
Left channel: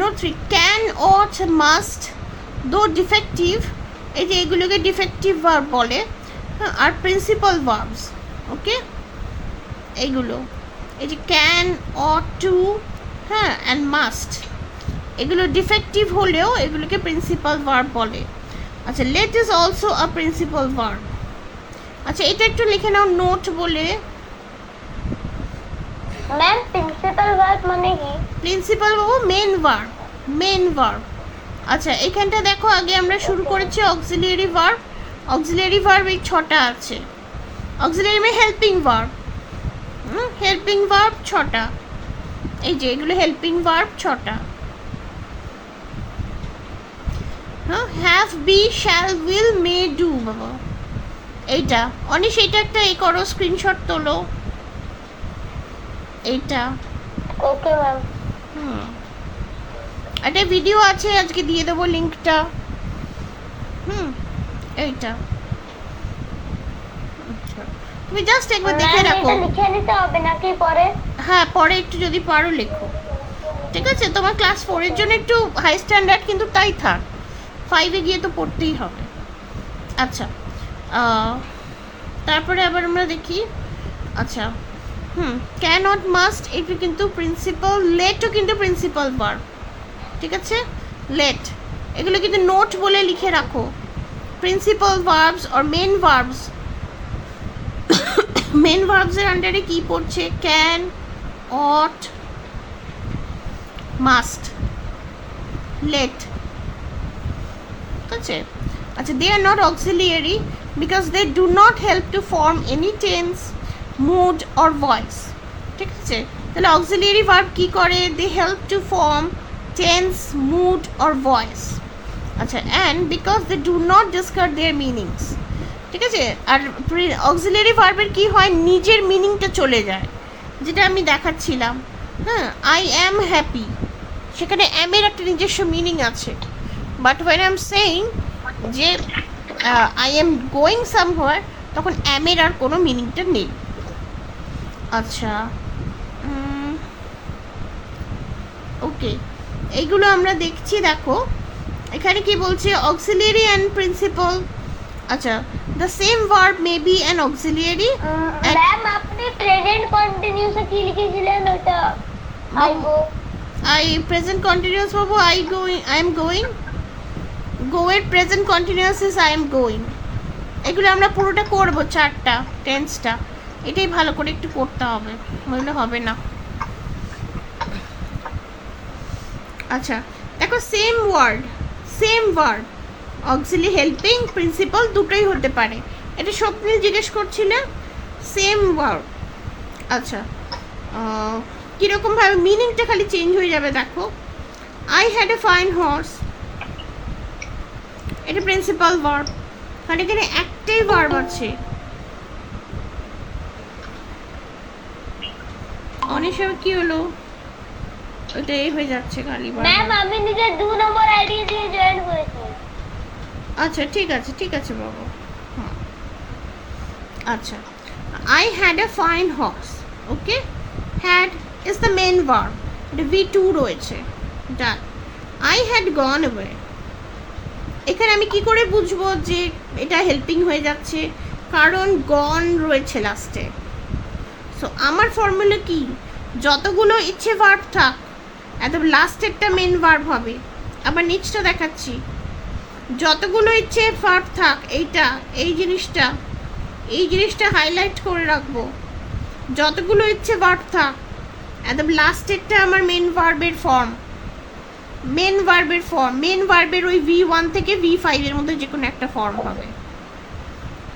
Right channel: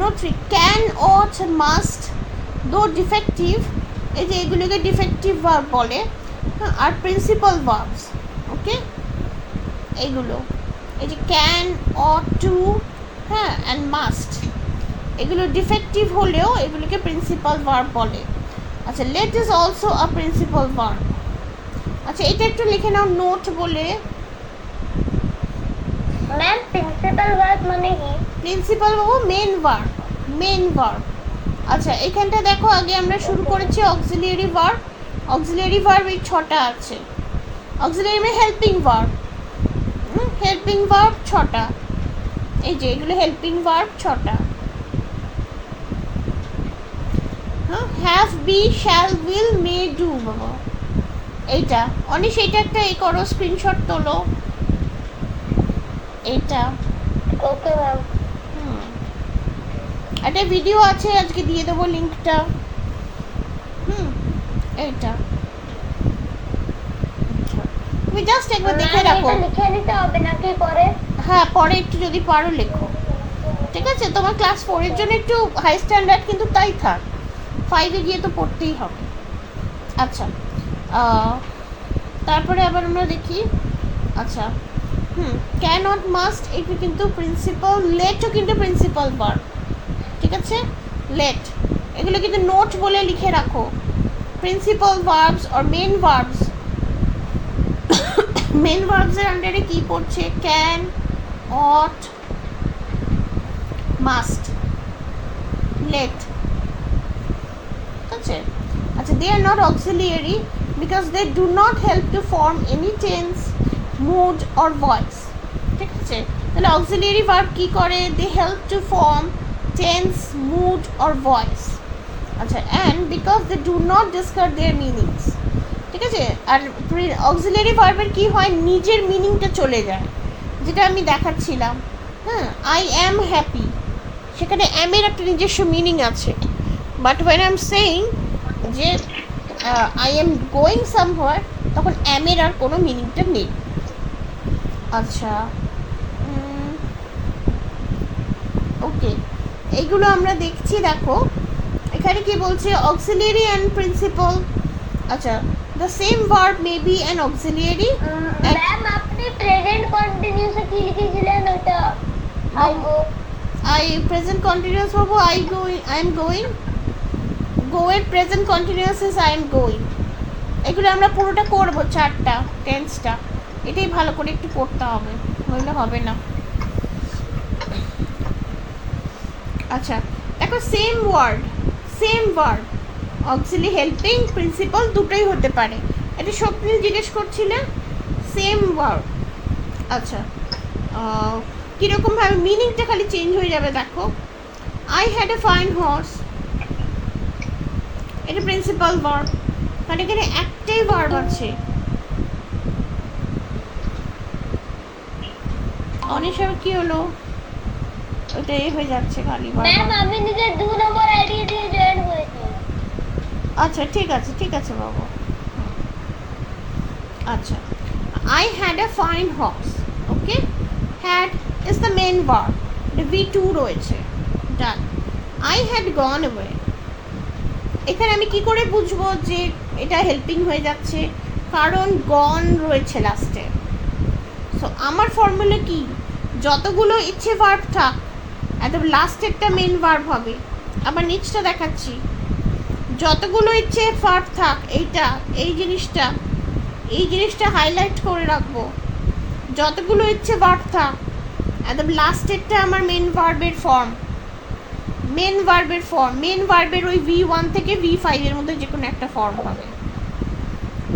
note 3, can, ought, must, দো defective, এই যে এগুলোকে ডিফেক্টিভ ভার্ব বলে, আর প্রিন্সিপাল ভার্বস। ওকে, এইগুলো, এই যে ক্যান, ought to, হ্যাঁ, অ্যান্ড মাস্ট, এগুলো ডিফেক্টিভ হলেও এগুলোকে প্রিন্সিপাল ভার্ব বলে। আচ্ছা, let is also a principal verb. আচ্ছা, এটা একটু লিখে নাও নোট বলে। ম্যাম প্রিন্সিপাল ভার্ব মানে কি? প্রিন্সিপাল বাবু মেন ভার্ব, মেন ভার্ব। আচ্ছা, এখানটা দেখো, আগে আমরা শুরু করেছি অক্সিলিয়ারি ভার্ব। অক্সিলিয়ারি ভার্ব এই 6টা আছে। অক্সিলিয়ারি মানে হেল্পিং ভার্ব, হেল্পিং ভার্ব 6টা। এই যে এগুলো হেল্পিং ভার্ব 6টা। হ্যাঁ, have, be, shall, will, may, do বাবা। এইটা অনিশ, এইটা একটা এই করো, স্ক্রিনশট তোলো এইটা। Okay ma'am. একটা ভিডিও আছে, আজকে দিয়ে দেবো লিঙ্কটা। এইটা তুমি জাস্ট একবার দেখে রাখো। এটা লিখে নিতে হবে নাকি পরে? হ্যাঁ, পরে একটু যদি পারো লেখো, ঠিক আছে? তোমার ক্লাস 4 এর জন্য একটু হাই স্ট্যান্ডার্ড, কিন্তু তাই থাক, 5-এ গিয়ে তো পড়তেই হবে। আচ্ছা, তারপরে আবার আমরা দেখি। আচ্ছা, ক্যান, নট, মাস্ট, এটা কিন্তু প্রিন্সিপাল। লেটও কিন্তু প্রিন্সিপাল ভার্ব, ঠিক আছে? লেট, এগুলো কিন্তু নোট বলে লিখে রাখো। Principal verbs are main verbs, main ভার্বসের আন্ডারে কি পড়ছে? ক্যান, অট, মাস্ট, লেট, ঠিক আছে? আচ্ছা, they are not auxiliary because they do not help to form any tense, mood or voice, ঠিক আছে? তাহলে অক্সিলিয়ারি ভার্ব কি করে? They help to form tense, mood or voice. আচ্ছা, and because they do not discuss their meanings, ঠিক আছে? আর auxiliary ভার্বের কি হয়? নিজের মিনিংটা চলে যায়, যেটা আমি দেখাচ্ছিলাম। হ্যাঁ, আই অ্যাম হ্যাপি, সেখানে অ্যামের একটা নিজস্ব মিনিং আছে, but when I am saying যে আই এম গোয়িং সামহোয়ার, তখন অ্যামের আর কোনো মিনিংটা নেই। আচ্ছা, ওকে, এইগুলো আমরা দেখছি। দেখো এখানে কি বলছে? Auxiliary and principal. আচ্ছা, the same verb may be an auxiliary. Ma'am আপনি প্রেজেন্ট কন্টিনিউয়াসে কি লিখেছিলেন ওটা? I go. I present continuous বাবু, I going, I am going. Go এর present continuous is I am going. এগুলো আমরা পুরোটা করবো, 4টা টেন্সটা। এটাই ভালো করে একটু করতে হবে, নইলে হবে না। আচ্ছা, দেখো same word, same verb, auxiliary, helping, principal দুটোই হতে পারে। এটা স্বপ্নিল জিজ্ঞেস করছিলে, সেম ভার্ব। আচ্ছা, কীরকমভাবে মিনিংটা খালি চেঞ্জ হয়ে যাবে দেখো। I had a fine horse, এটা প্রিন্সিপাল ভার্ব, কারণ এখানে একটাই ভার্ব আছে। অনেক সময় কি হলো, ওটা এই হয়ে যাচ্ছে খালি ভার্ব। ম্যাম আমি নিজে 2 নম্বর আইডি দিয়ে জয়েন করেছি। আচ্ছা, ঠিক আছে, ঠিক আছে বাবা। আচ্ছা, I had a fine horse. Okay, had is the main verb, এটা V2 রয়েছে। Done. I had gone away, এখানে আমি কি করে বুঝবো যে এটা হেল্পিং হয়ে যাচ্ছে? কারণ গন রয়েছে লাস্টে। সো আমার ফর্মুলা কি? যতগুলো ইচ্ছে ভার্ব থাক, একদম লাস্টেরটা মেন ভার্ব হবে। আবার নিচটা দেখাচ্ছি, যতগুলো ইচ্ছে ভার্ব থাক, এইটা, এই জিনিসটা হাইলাইট করে রাখবো। যতগুলো ইচ্ছে ভার্ব থাক, একদম লাস্টেরটা আমার মেন ভার্বের ফর্ম, মেন ভার্বের ফর্ম, মেন ভার্বের ওই V1 থেকে V5 এর মধ্যে যে কোনো একটা ফর্ম হবে,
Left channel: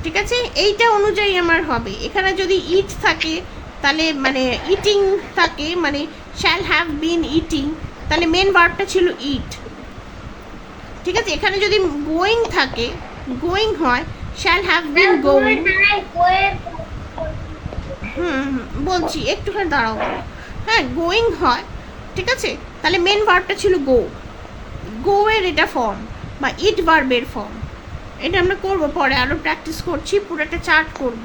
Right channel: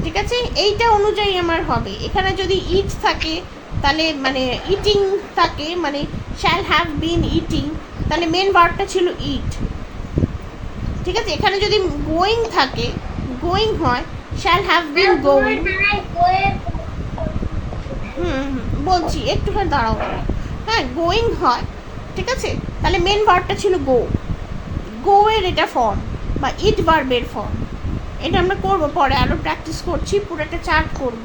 ঠিক আছে? এইটা অনুযায়ী আমার হবে। এখানে যদি ইট থাকে, তাহলে মানে ইটিং থাকে, মানে শ্যাল হ্যাভ বিন ইটিং, তাহলে মেন ভার্বটা ছিল ইট। ঠিক আছে, এখানে যদি গোয়িং থাকে, গোয়িং হয় শ্যাল হ্যাভ বিন গোয়িং। বলছি একটুখানি দাঁড়াও। হ্যাঁ, গোয়িং হয়, ঠিক আছে, তাহলে মেন ভার্বটা ছিল গো। গো এর এটা ফর্ম বা ইট ভার্বের ফর্ম। এটা আমরা করব পরে, আরও প্র্যাকটিস করছি, পুরো একটা চার্ট করব।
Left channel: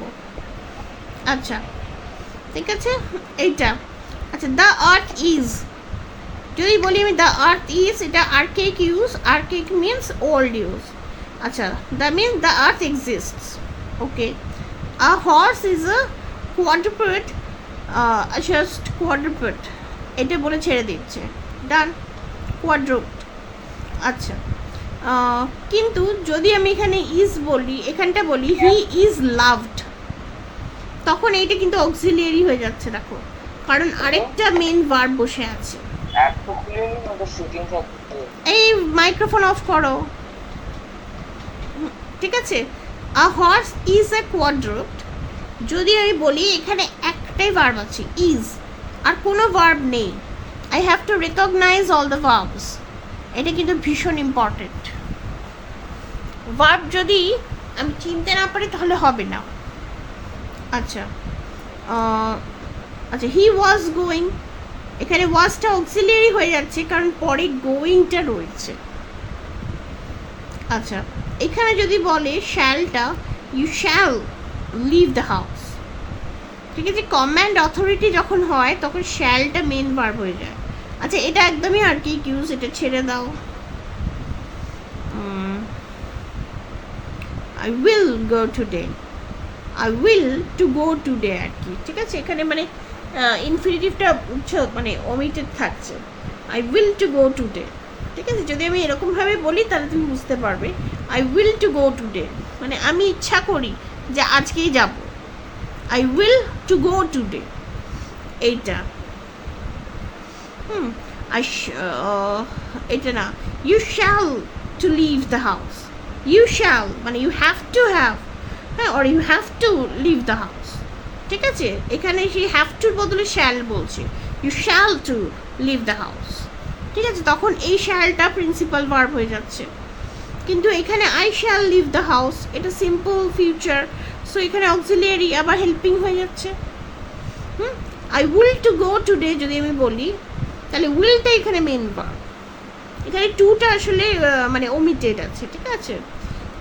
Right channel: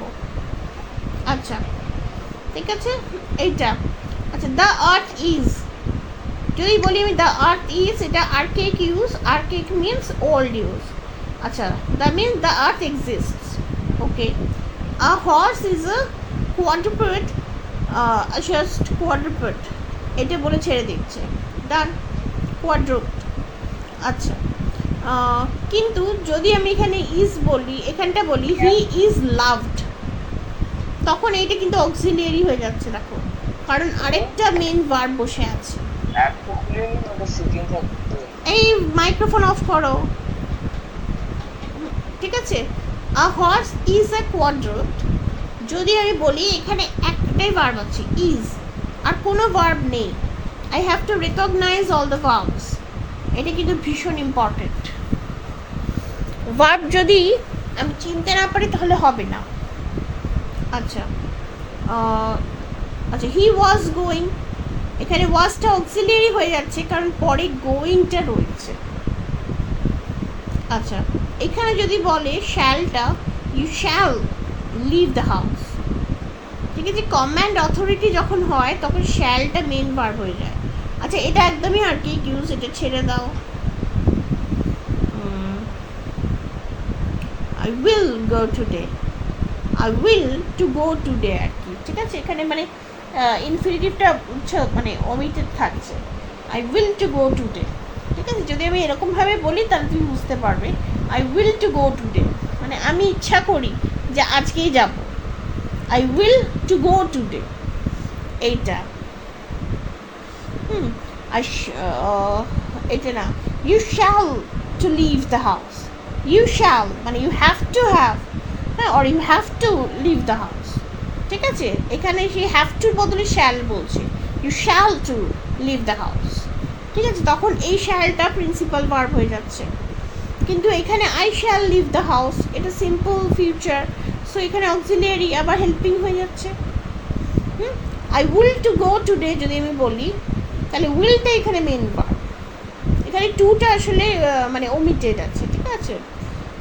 আচ্ছা ঠিক আছে, এইটা। আচ্ছা, দ্য আর্থ ইজ, যদি বলি আমি দ্য আর্থ ইজ, এটা archaic use. Archaic means old use. আচ্ছা, the means the earth exists. Okay, a horse is a quadruped, just quadruped, এটা বলে ছেড়ে দিচ্ছে। ডান, কোয়াড্রুপেড। আচ্ছা, কিন্তু যদি আমি এখানে ইজ বলি, এখানটা বলি হি ইজ লাভড, তখন এইটা কিন্তু অক্সিলিয়ারি হয়ে যাচ্ছে, দেখো, কারণ আরেকটা মেইন ভার্ব বসে আছে। এই মাইক্রোফোন অফ করো, ঠিক আছে। আ হর্স ইজ এ কোয়াড্রুপেড, যদি আমি বলি এখানে একটাই ভার্ব আছে ইজ, আর কোনো ভার্ব নেই, I have to recognise all the verbs. এটা কিন্তু ভীষণ ইম্পর্টেন্ট। ভার্ব যদি আমি চিনতে না পারি তাহলে হবে না। আচ্ছা, আচ্ছা, হি ওয়াজ গোয়িং, এখানে ওয়াজটা অক্সিলিয়ারি হয়ে যাচ্ছে কারণ পরে গোয়িংটা রয়েছে। আচ্ছা, এখানে যদি বলে শ্যালটা, you shall leave the house, ঠিক আছে, কমান্ড অথরিটি যখন হয় তখন শ্যালটা মেন ভার্ব হয়ে যায়। আচ্ছা, এটা একদমই আর কি ইউজ, এটা ছেড়ে দাও। I will go today, I will to go today আর কি, ঠিক আছে, এখানে মানে ইনফিনিটিভটা মানে ওমিটেড থাকছে, I will to go today. ঠিক আছে, যদি আমি এরকমভাবে বলি তাহলে তুমি বুঝতে পারবে, I will to go today মানে আমি ইচ্ছা করি যে আজকেই যাব, I will to go today, এইটা। এটা না, you shall to leave the house, you shall মানে ইউ হ্যাভ টু হ্যাভ, হ্যাঁ, or you have to leave the house, ঠিক আছে, এখানে সেই হ্যাভ টুর বদলে শ্যাল বলছে, you shall to leave the house, ঠিক আছে, তখন এই শ্যালটা প্রিন্সিপাল ভার্ব হয়ে যাচ্ছে। কিন্তু এখানে I shall leave the house, এটা সিম্পল ফিউচার, সো এখানে অক্সিলিয়ারি আবার হেল্পিং হয়ে যাচ্ছে। I will to go today যদি আমি বলি, তাহলে উইলটা এখানে মেন ভার্ব, এখানে টুটা আসলে মানে ওমিটেড আছে, ঠিক আছে।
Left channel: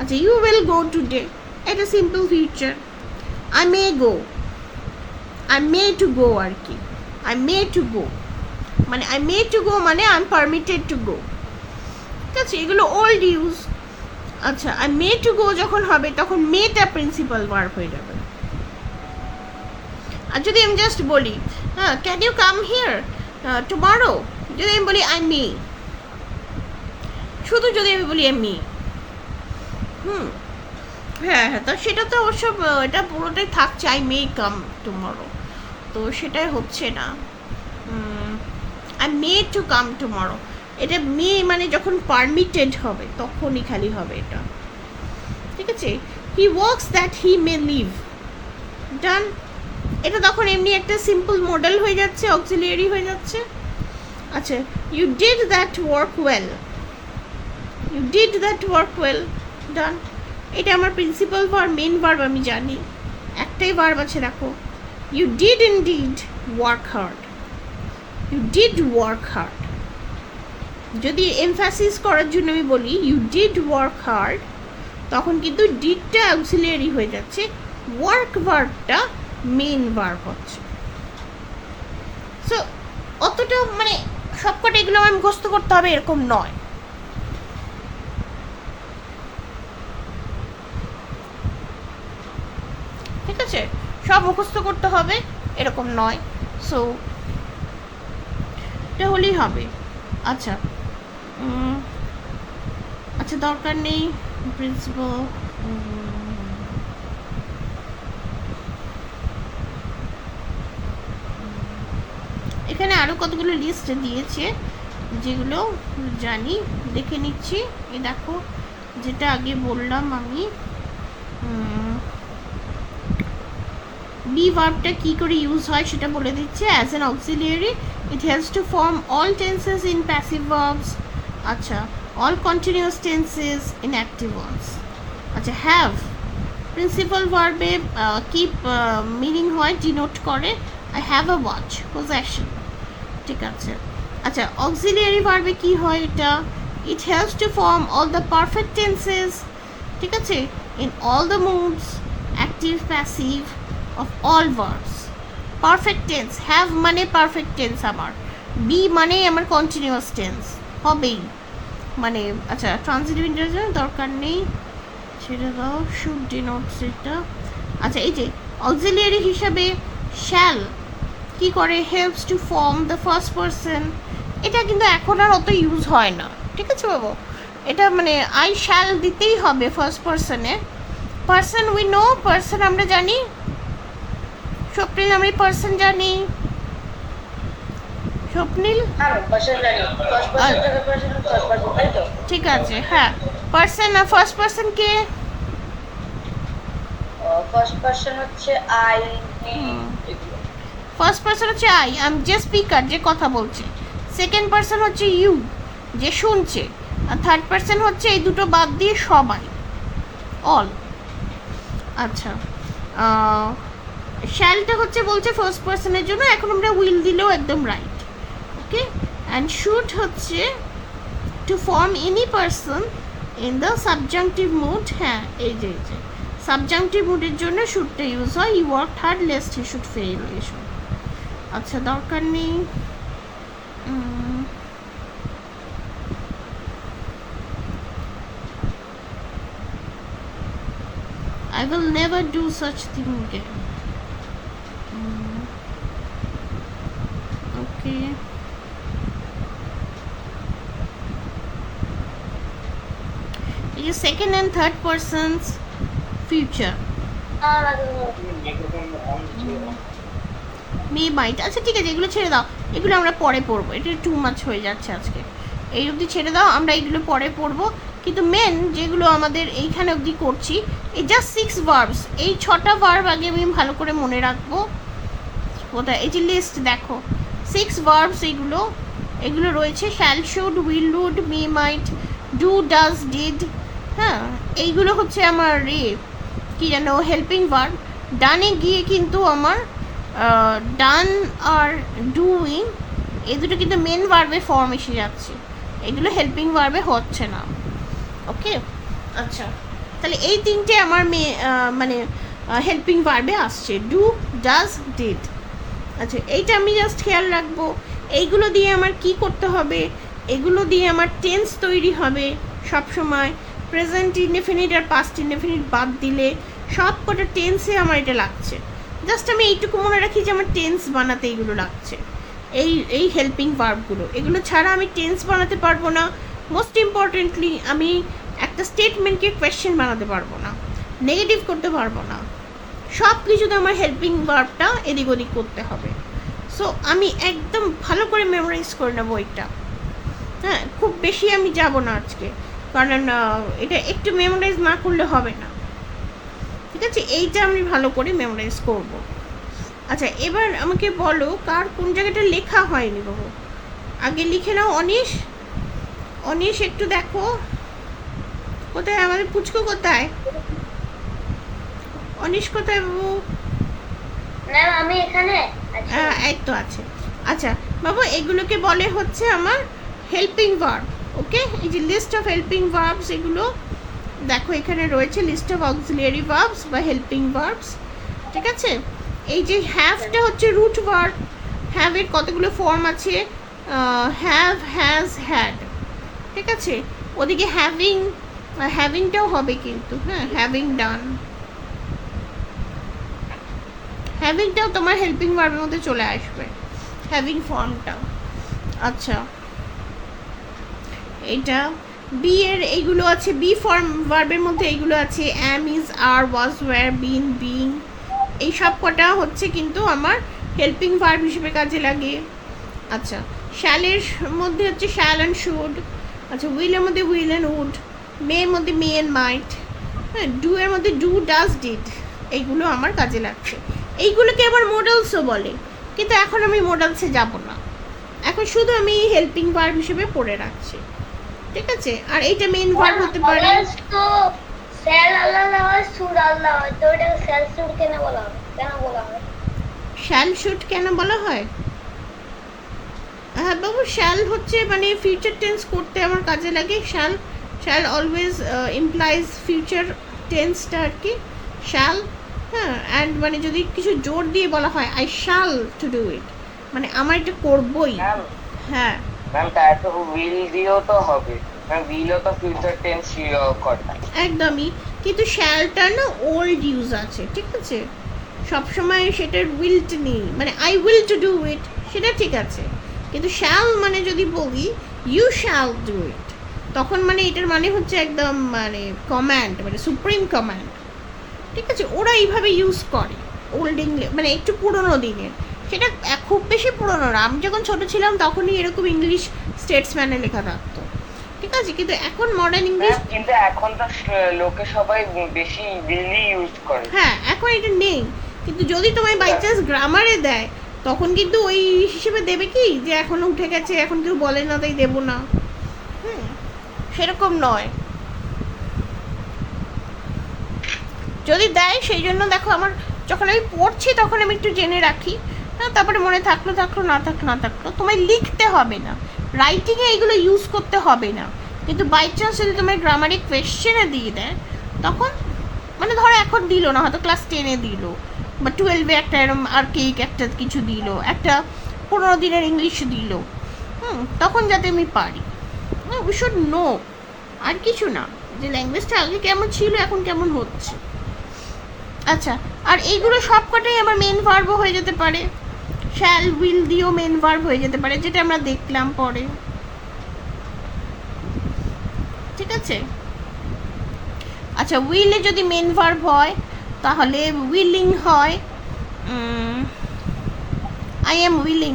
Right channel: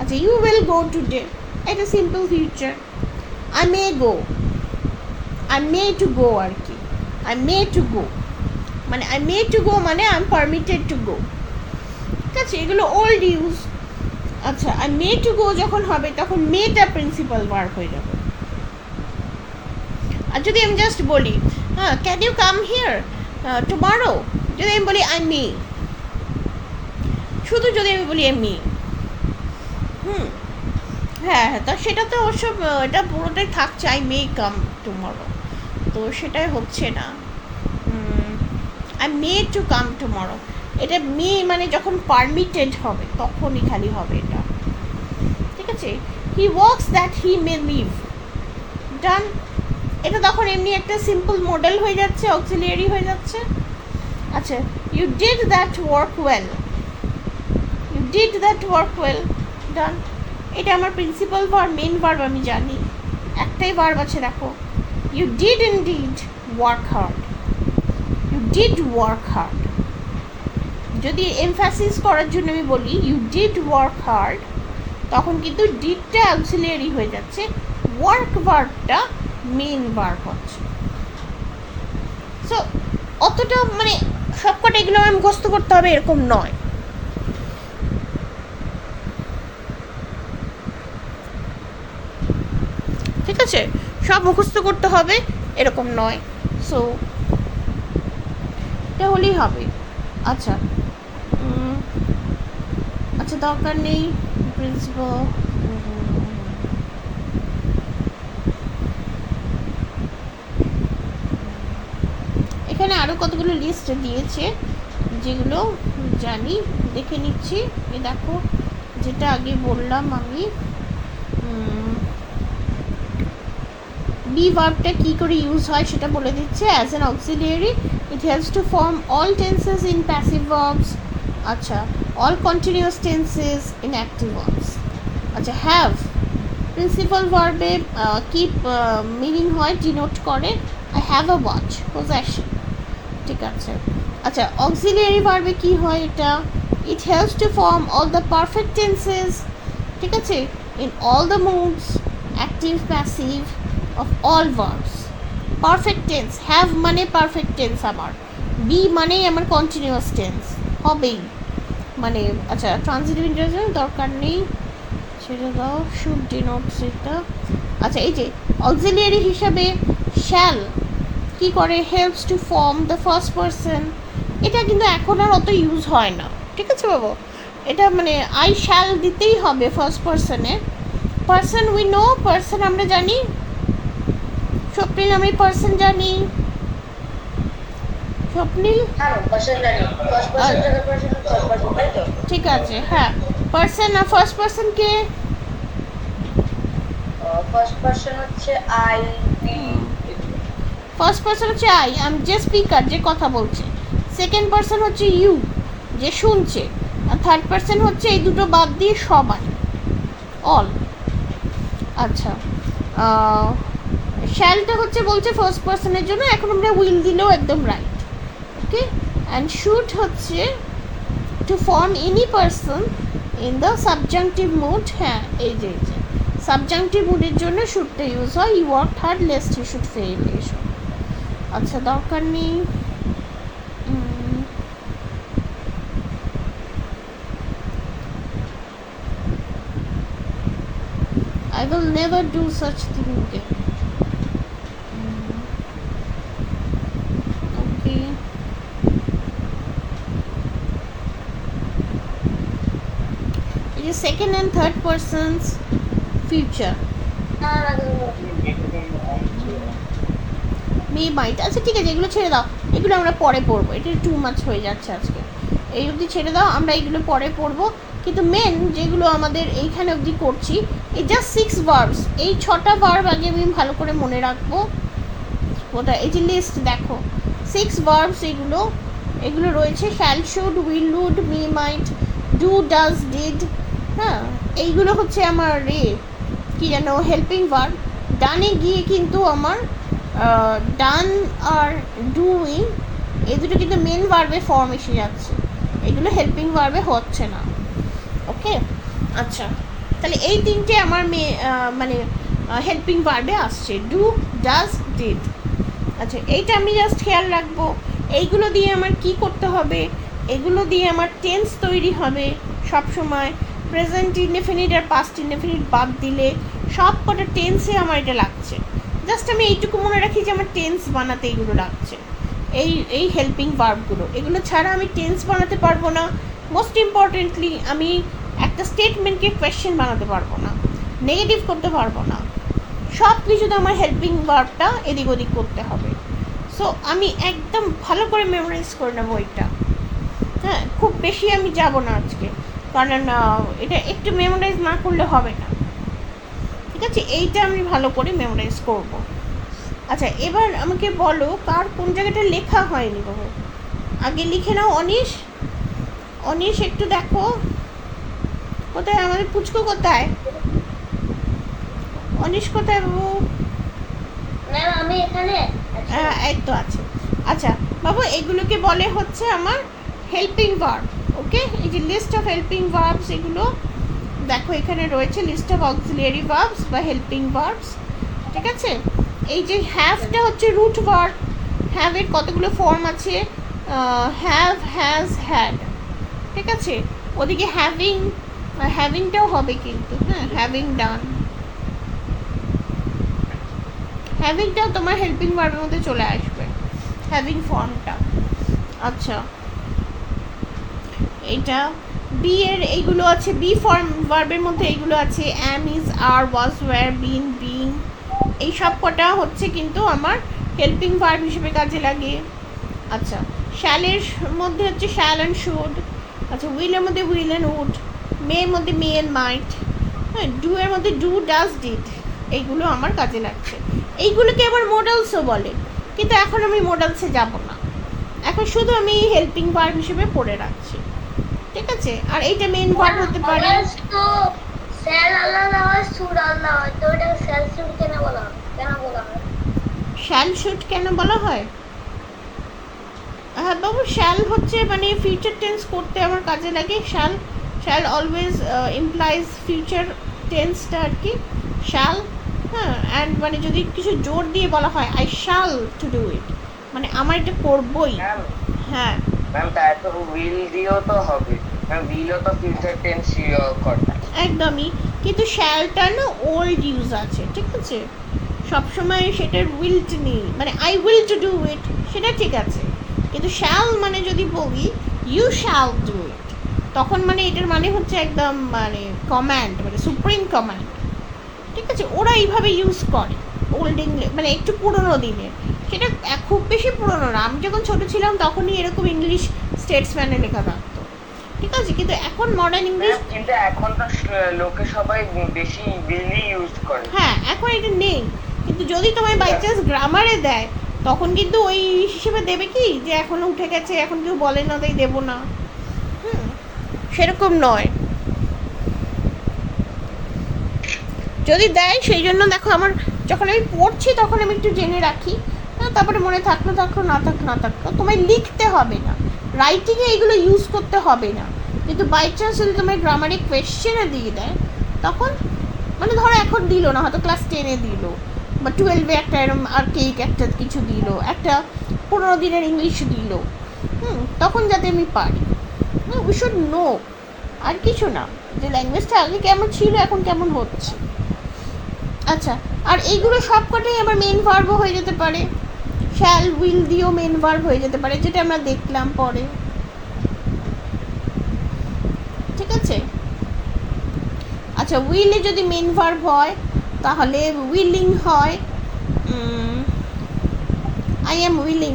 আচ্ছা, ইউ উইল গো টুডে, এটা simple future. I may go, I may to go আর কি, আই মে টু গো মানে আই মে টু গো মানে I am permitted to go, ঠিক আছে, এগুলো ওল্ড ইউজ। আচ্ছা, আই মে টু গো যখন হবে তখন মেটা প্রিন্সিপাল ভার্ব হয়ে যাবে। আর যদি আমি জাস্ট বলি, হ্যাঁ, can you come here tomorrow, যদি আমি বলি আই মে, শুধু যদি আমি বলি আই মে, হ্যাঁ হ্যাঁ, তা সেটা তো অবশ্য এটা পুরোটাই থাকছে আই মে কাম টুমরো, তো সেটাই হচ্ছে না। I may to come tomorrow, এটা মে মানে যখন পারমিটেড হবে তখনই খালি হবে এটা, ঠিক আছে। He works that he may leave, done, এটা তখন এমনি একটা সিম্পল মডেল হয়ে যাচ্ছে, অক্সিলিয়ারি হয়ে যাচ্ছে। আচ্ছা, you did that work well, you did that work well, done, এটা আমার প্রিন্সিপাল ভার্ব, মেন ভার্ব আমি জানি, একটাই ভার্ব আছে, দেখো, you did indeed work hard, you did work hard. যদি এমফাসিস করার জন্য আমি বলি ইউ ডিড ওয়ার্ক হার্ড, তখন কিন্তু ডিডটা অক্সিলিয়ারি হয়ে যাচ্ছে, ওয়ার্ক ভার্বটা মেন ভার্ব হচ্ছে। সো অতটা মানে সবকটা এগুলো আমি মুখস্থ করতে হবে এরকম নয়, ঠিক আছে, সব মুখস্থ করতে হবে এরকম নয়, সো এটা হলেই হবে। আচ্ছা, আচ্ছা, দরকার নেই প্রিন্সিপাল, এখানে আরও কতগুলো লিস্ট দিয়েছে যেগুলো জানি, দেখে নিচ্ছি। এই দেখো, যেটা আগে বললাম আমি, বি ভার্বটা কী করে ইউজ হয় সেটা বলে দিচ্ছে, as an auxiliary It helps to form all tenses in passive verbs. আচ্ছা, all continuous tenses in active verbs. আচ্ছা, have প্রিন্সিপাল ভার্বে কিপ মিনিং হয়, ডিনোট করে I have a watch, possession. ঠিক আছে। আচ্ছা, অক্সিলিয়ারি ভার্বে কি হয় এটা? It helps to form all the perfect tenses, ঠিক আছে, in all the moods, active passive of all verbs. Perfect tense, have মানে পারফেক্ট টেন্স আমার, বি মানে আমার কন্টিনিউয়াস টেন্স হবেই মানে। আচ্ছা, ট্রানজিটিভ ইন্টারজেন্স দরকার নেই, সেটা দাও, শুড ডিনোটস এটা। আচ্ছা, এই যে অক্সিলিয়ারি হিসাবে শ্যাল কি করে? Helps to form the first person. এটা কিন্তু এখন আর অত ইউজ হয় না, ঠিক আছে বাবু? এটা মানে আই শ্যাল দিতেই হবে ফার্স্ট পারসনে। পারসন উই নো, পারসন আমরা জানি, স্বপ্নিল আমি পারসন জানি, স্বপ্নিল ঠিক আছে। হ্যাঁ, পারসন আর ফার্স্ট পারসন কে? ফার্স্ট পারসন হচ্ছে আই, ফার্স্ট পারসন হচ্ছে আই, আমি যে স্পিকার, যে কথা বলছে। সেকেন্ড পারসন হচ্ছে ইউ, যে শুনছে। আর থার্ড পারসন হচ্ছে এই দুটো বাদ দিয়ে সবাই, অল। আচ্ছা, শ্যালটা হচ্ছে বলছে ফার্স্ট পারসনের জন্য, এখন আমরা উইল দিলেও একদম রাইট। ওকে, অ্যান্ড শুড হচ্ছে to form any person in the subjunctive mood. হ্যাঁ, এই যে সাবজাংটিভ মুডের জন্য শুডটা ইউজ হয়। We work hard lest he should fail, এসব। আচ্ছা, দরকার নেই। I will never do such thing again. Okay. It is second and third person's future. মে মাইট। আচ্ছা, ঠিক আছে, এগুলো ছেড়ে দাও, এগুলো আমরা পরে পড়বো, এটা টু মাচ হয়ে যাচ্ছে আজকে। এই অবধি ছেড়ে দাও, আমরা এইগুলো পরে পড়বো। কিন্তু মেন যেগুলো আমাদের এইখানে অবধি করছি, এই জাস্ট 6 ভার্বস, এই 6টা ভার্ব আগে আমি ভালো করে মনে রাখবো। কোথায়? এই যে লিস্ট দেখো, 6 ভার্বস, এগুলো রয়েছে। Shall, should, will, would, may, might, do, does, did. হ্যাঁ, এইগুলো হচ্ছে আমার কি জানো, হেল্পিং ভার্ব। ডানে গিয়ে কিন্তু আমার ডান আর ডুইং, এই দুটো কিন্তু মেন ভার্বে ফর্ম এসে যাচ্ছে, এগুলো হেল্পিং ভার্বে হচ্ছে না। ওকে, আচ্ছা, তাহলে এই তিনটে আমার মানে হেল্পিং ভার্বে আসছে, ডু, ডাজ, ডিড। আচ্ছা, এইটা আমি জাস্ট খেয়াল রাখবো। এইগুলো দিয়ে আমার কি করতে হবে? এগুলো দিয়ে আমার টেন্স তৈরি হবে সব সময়। প্রেজেন্ট ইনডেফিনিট আর পাস্ট ইনডেফিনিট বাদ দিলে সব কটা টেন্সে আমার এটা লাগছে। জাস্ট আমি এইটুকু মনে রাখি যে আমার টেন্স বানাতে এইগুলো লাগছে, এই হেল্পিং ভার্বগুলো। এগুলো ছাড়া আমি টেন্স বানাতে পারবো না। মোস্ট ইম্পর্টেন্টলি আমি একটা স্টেটমেন্টকে কোয়েশ্চেন বানাতে পারবো না, নেগেটিভ করতে পারবো না। সব কিছুতে আমার হেল্পিং ভার্বটা এদিক ওদিক করতে হবে। সো আমি একদম ভালো করে মেমোরাইজ করে নেবো এটা। হ্যাঁ, খুব বেশি আমি যাব না আজকে, কারণ এটা একটু মেমোরাইজ না করলে হবে না। ঠিক আছে, এইটা আমি ভালো করে মেমোরাইজ করব। আচ্ছা, এবার আমাকে বলো কার কোন জায়গাটা লেখা হয়নি বাবু, আগে লিখে নাও। অনিশ একটু দেখো কোথায় আমাদের পুচকু, কোথায় অনিশ, কোথায় বাবু? ম্যাম আমি এখানে। হ্যাঁ, এই তো আছে। আচ্ছা বাবু, এগুলোকে বলে হচ্ছে আমার হেল্পিং ভার্ব। ওকে, এই যে লিস্ট অফ হেল্পিং ভার্বস, এগুলো দেখো এখানে রয়েছে, লিস্ট অফ অক্সিলিয়ারি ভার্বস বা হেল্পিং ভার্বস। ঠিক আছে, এই যে হ্যাভটা হচ্ছে রুট ভার্ব। হ্যাভের কতগুলো ফর্ম আছে? Have, has, had. ঠিক আছে, ওদিকে হ্যাভিংটাও হবে কিন্তু। হ্যাঁ, হ্যাভিং ডান, হ্যাভিংটাও তোমার হেল্পিং ভার্বের মধ্যে চলে আসবে, হ্যাভিং ফর্মটা। আচ্ছা, এটা বি এর এইগুলো আছে, বি ফর্ম ভার্বের মধ্যে এইগুলো আছে, am, is, are, was, were, been, being. এই সব কটা হচ্ছে কিন্তু আমার হেল্পিং ভার্ব হিসেবে কাজে লাগে। আচ্ছা, শ্যালের মধ্যে হচ্ছে শ্যাল অ্যান্ড শুড। আচ্ছা, উইলের মধ্যে উইল অ্যান্ড উড, মেয়ের মধ্যে মে অ্যান্ড মাইট। হ্যাঁ, ডু এর মধ্যে ডু, ডাজ, ডিড। এইগুলো আমার কাজে লাগছে। এইগুলোকে আবার মডেলসও বলে, কিন্তু এখন আমি মডেলসে যাব না। এখন শুধু আমি হেল্পিং ভার্ব হিসেবে পড়ে রাখছি, ঠিক আছে? আর এইটা মেইন ভার্ব হতে পারে। তো স্যাল আলাদা হয়, শুড আলাদা হয়, তো এটা স্যাল শুড কেন বলা হয়? শ্যাল শুড কেন বলা হয়? হ্যাঁ বাবু, শ্যাল হচ্ছে মানে ফিউচার টেন্স করতে আমার কাজে লাগে। Shall shall always implies future টেন্সটা আর কি, শ্যাল। হ্যাঁ, অ্যান্ড মানে যদি কিছু জোর দিয়ে বলা হয় I shall to do it, মানে আমার এটা করবই। হ্যাঁ ম্যাম, তাই তো উইল দিয়েও তো হবে ম্যাম, উইলও তো ফিউচার টেন্স করে। একদমই, কিন্তু শ্যালটা না ওল্ড ইউজ আছে, ঠিক আছে? সবসময় সেটার উইলট নেই, মানে I will to do it সেটা ঠিক আছে, কিন্তু শ্যাল মানে যদি বলি ইউ শ্যাল ডু ইট, তখন মানে এটার মানে হচ্ছে একদম মানে কমান্ড, মানে সুপ্রিম কমান্ড, ঠিক আছে? ওরা এইভাবে ইউজ করে ওল্ড ইংলিশ, মানে একটু পুরোনো দিনের। সেটা খুব বেশি পুরোনো না, আমি যখন ছোটো ছিলাম তখনই এরকম ইংলিশ স্টেটসম্যানে লেখা থাকতো, ঠিক আছে? কিন্তু এখন মডার্ন ইংলিশ, কিন্তু এখন তো লোকে সবাই বেশি উইলই ইউজ করে। হ্যাঁ এখন এটা নেই, কিন্তু যদি তোমায় বাই চান্স গ্রামারে দেয় তখন কিন্তু ওই হিসেবে দেবে কি যে এখন উঠে গেছে, এখন কেউ বলে না তাই দেবো না। হুম, সেরকম নয়। যদি দেয় সেই জন্য দেখো, আমার যখন আমি পড়ছি তখন আমি একটু জেনে রাখি, তারপরে মনে থাকলো থাকলো, না থাকলো না থাকলো। তোমায় লিখতে হবে না, রাইটিংয়ে এগুলো ইউজ করতে হবে না, কিন্তু বাই চান্স যদি তোমার গ্রামারে কোয়েশ্চেনে দিয়ে দেয় তখন, মানে ধরো এখন দিল না, হয়তো ক্লাস 10-এ দিল বা 12-এ একটা এরম আর্কেইক একটা কিছু দিল, একটা 15 দিনের ইংলিশ দিল, তখন যাতে আমি পারি। উই শুড নো, আর কিছু না, যে ল্যাঙ্গুয়েজটা আগে কেমন ছিল এখন কেমন হচ্ছে। আচ্ছা, আর এইগুলো সবকটাই আমার মেন ভার্বও হয়ে যেতে পারে, শ্যাল উইল দিয়েও মেন ভার্ব হয়ে যেতে পারে, যেটা আমরা দেখলাম পরে, ঠিক আছে? আচ্ছা, উইলে যদি মেন ভার্ব হয় তাহলে উইলিং হয়, আই এম উইলিং,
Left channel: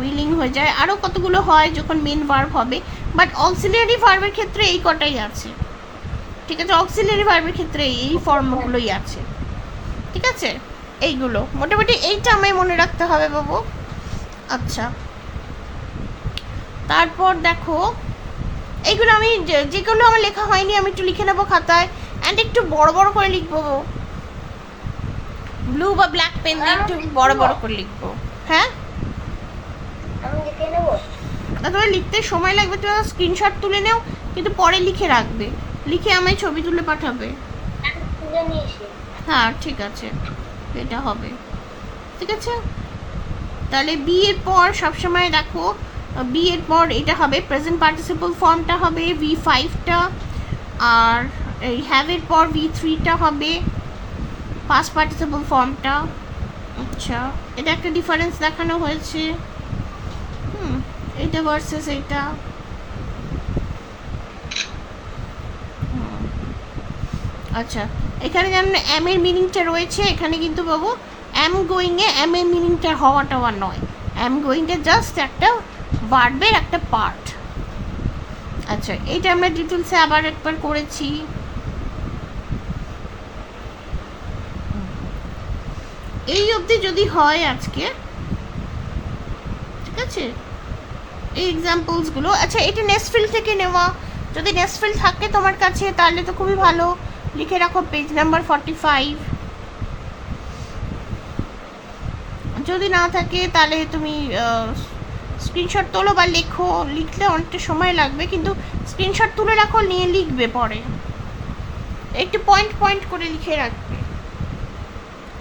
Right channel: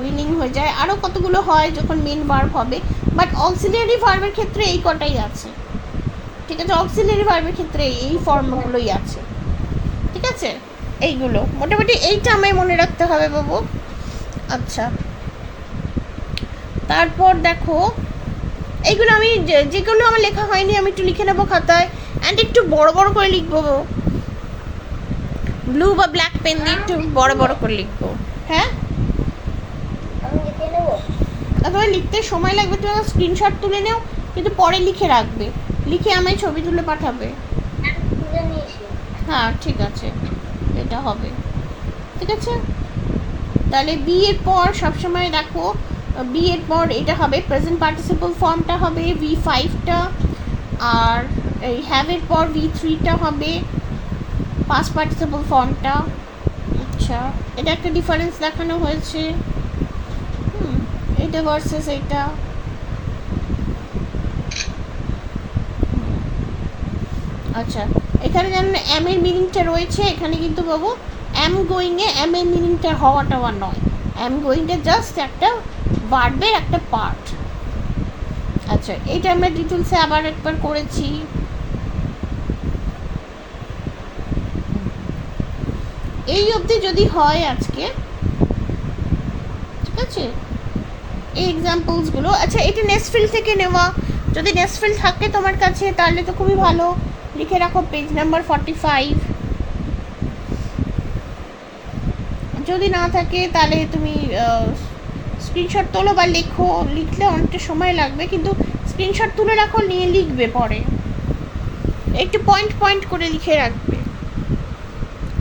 উইলিং হয়ে যায়। আরও কতগুলো হয় যখন মেন ভার্ব হবে, বাট অক্সিলিয়ারি ভার্বের ক্ষেত্রে এই কটাই আছে, ঠিক আছে? অক্সিলিয়ারি ভার্বের ক্ষেত্রে এই ফর্মগুলোই আছে, ঠিক আছে? এইগুলো মোটামুটি এইটা আমায় মনে রাখতে হবে বাবু। আচ্ছা, তারপর দেখো এইগুলো আমি যেগুলো আমার লেখা হয়নি আমি একটু লিখে নেবো খাতায়, অ্যান্ড একটু বড় বড় করে লিখবো, ব্লু বা ব্ল্যাক পেন দিয়ে একটু বড় বড় করে লিখবো। হ্যাঁ, আমি লিখে নেবো। তোমার লিখতে সময় লাগবে, তুমি স্ক্রিনশট তুলে নাও, কিন্তু পরে লিখে রাখবে, লিখে আমায় ছবি তুলে পাঠাবে। আমি তুলে নিয়েছি। হ্যাঁ ঠিক আছে, এটা হবে, ঠিক আছে? তাহলে বি এর পর সবসময় দেখো, বি এর পর এটা হবে প্রেজেন্ট পার্টিসিপল ফর্মটা হবে V5টা, আর এই হ্যাভের পর V3টা হবে পাস্ট পার্টিসিপল ফর্মটা। আচ্ছা, এটা একটা ডিফারেন্স দেখানো হয়েছে, এটা ভার্সেস এটা। আচ্ছা, এখানে যেমন এম এর মিনিংটা রয়েছে, এখানে কিন্তু বাবু অ্যাম গোয়িংয়ে এম এর মিনিংটা হওয়াটা নয়, অ্যাম গোয়িংটা জাস্ট একটা ভার্বের একটা পার্ট। আচ্ছা, এটা আমরা ডিটেলসে আবার একবার করেছি। এই অবধি যদি হয় আজকে, ঠিক আছে? এই এক্সাম্পলসগুলো। আচ্ছা, এটা নেসফিল থেকে নেওয়া, যদি নেসফিল থাকে তোমার কাছে তাহলে তো খুবই ভালো, লিখে রাখো পেজ নাম্বার 45। যদি না থাকে তাহলে তুমি স্ক্রিনশট তোলো বা লেখো, লিখলে অনেকটা সময় লাগবে, কিন্তু স্ক্রিনশট তুলে রাখো, নিয়ে লিখবে পরে, একটু পয়েন্ট পয়েন্ট করে লিখে রাখবে।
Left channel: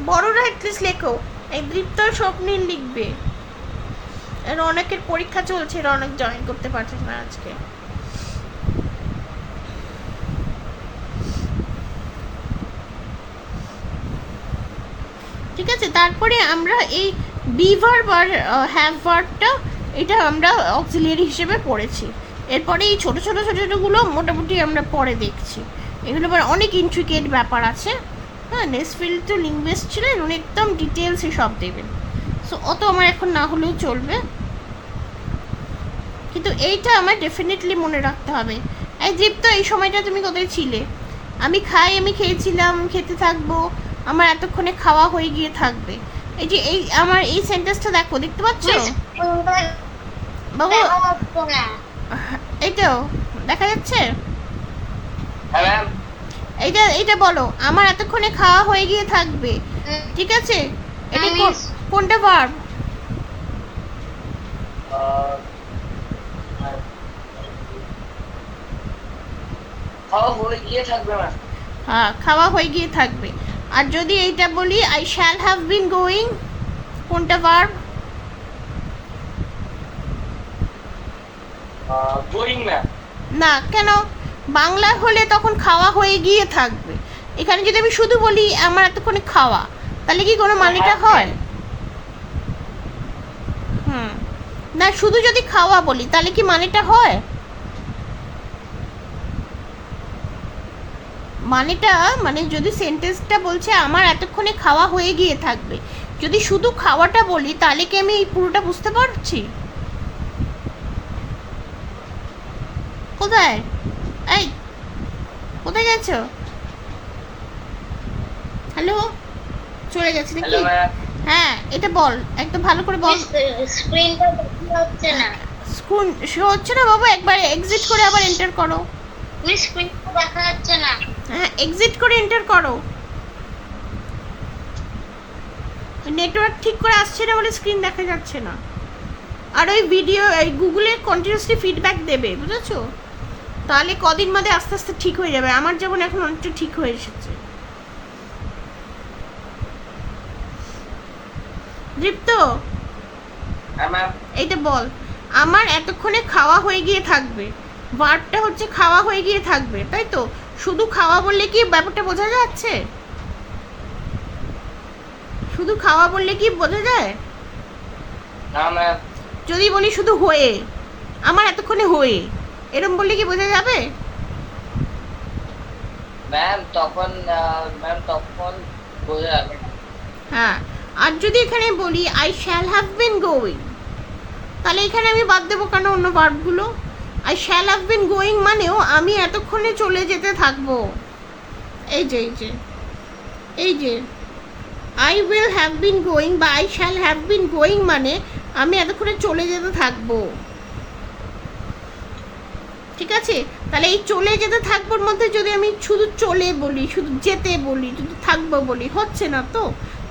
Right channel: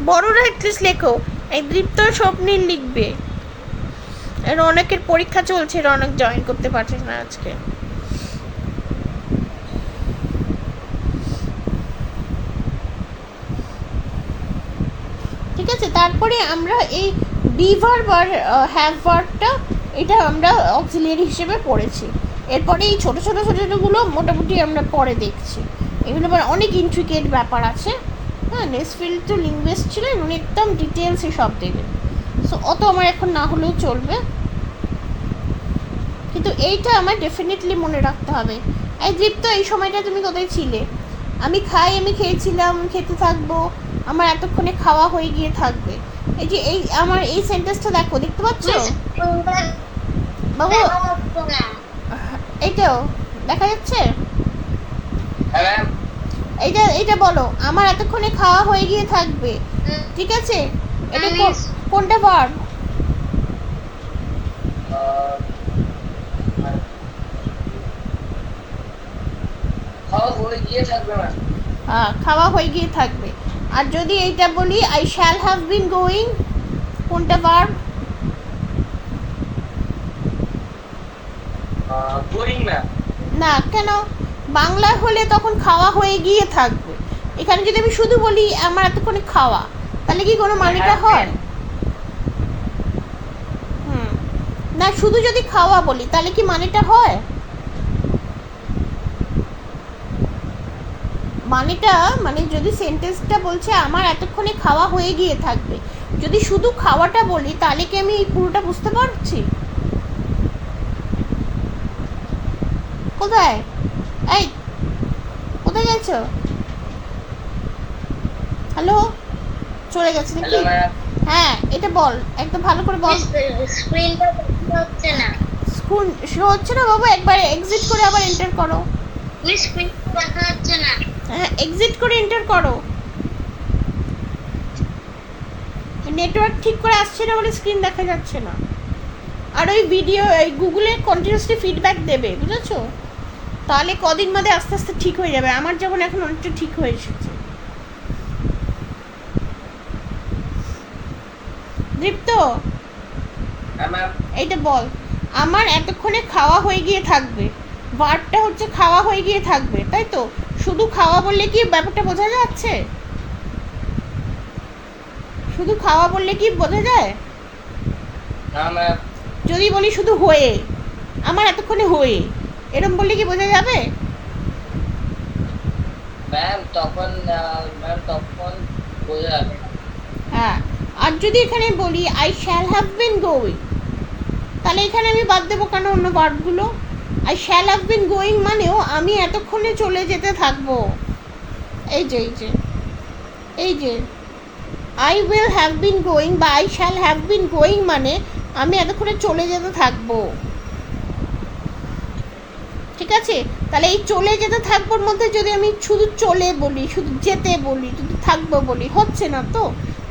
বড়রা অ্যাটলিস্ট লেখো, এই দীপ্ত স্বপ্নিল লিখবে, এর অনেকের পরীক্ষা চলছে, অনেক জয়েন করতে পারছে না আজকে। ঠিক আছে, তারপরে আমরা এই বি ভার্ব আর হ্যাভ ভার্বটা এটা আমরা অক্সিলিয়ারি হিসেবে পড়েছি। এরপরে এই ছোটো ছোটো ছোটো ছোটোগুলো মোটামুটি আমরা পরে দেখছি, এগুলো আবার অনেক ইন্ট্রিকেট ব্যাপার আছে। হ্যাঁ, নেসফিল্ড তো লিঙ্গুইস্ট ছিলেন, উনি একদম ডিটেলসে সব দেবেন, সো অত আমার এখন না হলেও চলবে, কিন্তু এইটা আমার ডেফিনেটলি মনে রাখতে হবে। এই দীপ্ত, এই সময়টা তুমি কোথায় ছিলে? আমি খাই, আমি খেয়েছিলাম, খেতে থাকবো, আমার এতক্ষণে খাওয়া হয়ে গিয়ে থাকবে, এই যে এই আমার এই সেন্টেন্সটা দেখো, দেখতে পাচ্ছ মিস কোনটা বাবু? দেখা যাচ্ছে না। এইটাও দেখা যাচ্ছে? হ্যাঁ ম্যাম। এইটা বলো, আমার এতক্ষণে খাওয়া হয়ে গিয়ে থাকবে, ঠিক আছে? এটা কোনটা ভার্ব? খাওয়া হয়ে গিয়ে থাকবে ম্যাম। হ্যাঁ, খাওয়া হয়ে গিয়ে থাকবে। আর যদি এইটা বলি I shall have been going, কোনটা ভার্ব? Going ma'am. না, কেন? বাংলা হলে তখন খাওয়া হয়ে গিয়ে থাকবে। এখানে যদি আমি শুধু বলি আমার এতক্ষণে খাওয়া, তাহলে কি কোনো মানেটা হয়? হুম, না শুধু যদি খাওয়া বলি তাহলে কি মানেটা হয়? মানেটা মানে যদি সেন্টেন্সটা বলছে আমার এতক্ষণে খাওয়া হয়ে গিয়ে থাকবে, যদি শুধু খাওয়াটা বলি তাহলে কি আমি এই পুরোটা বুঝতে পারছি? কোথায়? এই কোথায় গেছো? হ্যালো, চলে গেছে নাকি? Hello ma'am. হ্যাঁ, এটা বল, একদম ভালো করে বল। স্ক্রিনটা দেখা যাচ্ছে না। স্ক্রিন শো হচ্ছে না বাবু, একবার এক্সিট করে আবার এন্টার করো। মিস স্ক্রিনটা দেখা যাচ্ছে না। হ্যাঁ, এক্সিট করে এন্টার করো। নেটওয়ার্ক ঠিক করে আসছে না বলে স্ক্রিন দেখা যাচ্ছে না। আর ওই ভিডিও এই গুগলে কন্টিনিউয়াসলি ফিডব্যাক দেবে, বুঝেছো? তাহলে কদিন বাদে আস্তে আস্তে ঠিক হয়ে যাবে। আমার যেমন এখন অনেকটা ঠিক হয়ে এসেছে। দীপ্ত, হ্যাঁ ম্যাম। এইটা বল, আমার এতক্ষণে খাওয়া হয়ে গিয়ে থাকবে। ভার্বটা হচ্ছে খাওয়া হয়ে গিয়ে থাকবে, তাই তো? শুধু খাওয়া বললে কি ব্যাপারটা বোঝা যাচ্ছে? শুধু খাওয়া বললে কি বোঝা যায়? না ম্যাম। যদি বলি শুধু হয়ে, আমার এতক্ষণে হয়ে, এরম বললে কি বোঝা যাবে? ম্যাম তখন বোঝা যাবে না। হ্যাঁ, আর যদি এখানে বলি I shall have been going, তাহলে এখানে আমি বাদ দেবো কেন অন্য ভার্বগুলো? I shall have been going মানেও আমি এতক্ষণে চলে যেতে থাকবো। এই যে এই যে এই যে I will have been going বা I shall have been going মানে আমি এতক্ষণে চলে যেতে থাকবো, ঠিক আছে? তাহলে এই চলে যেতে থাকবোর মধ্যে যদি আমি শুধু চলে বলি, শুধু যেতে বলি, শুধু থাকবো বলি, হচ্ছে না তো?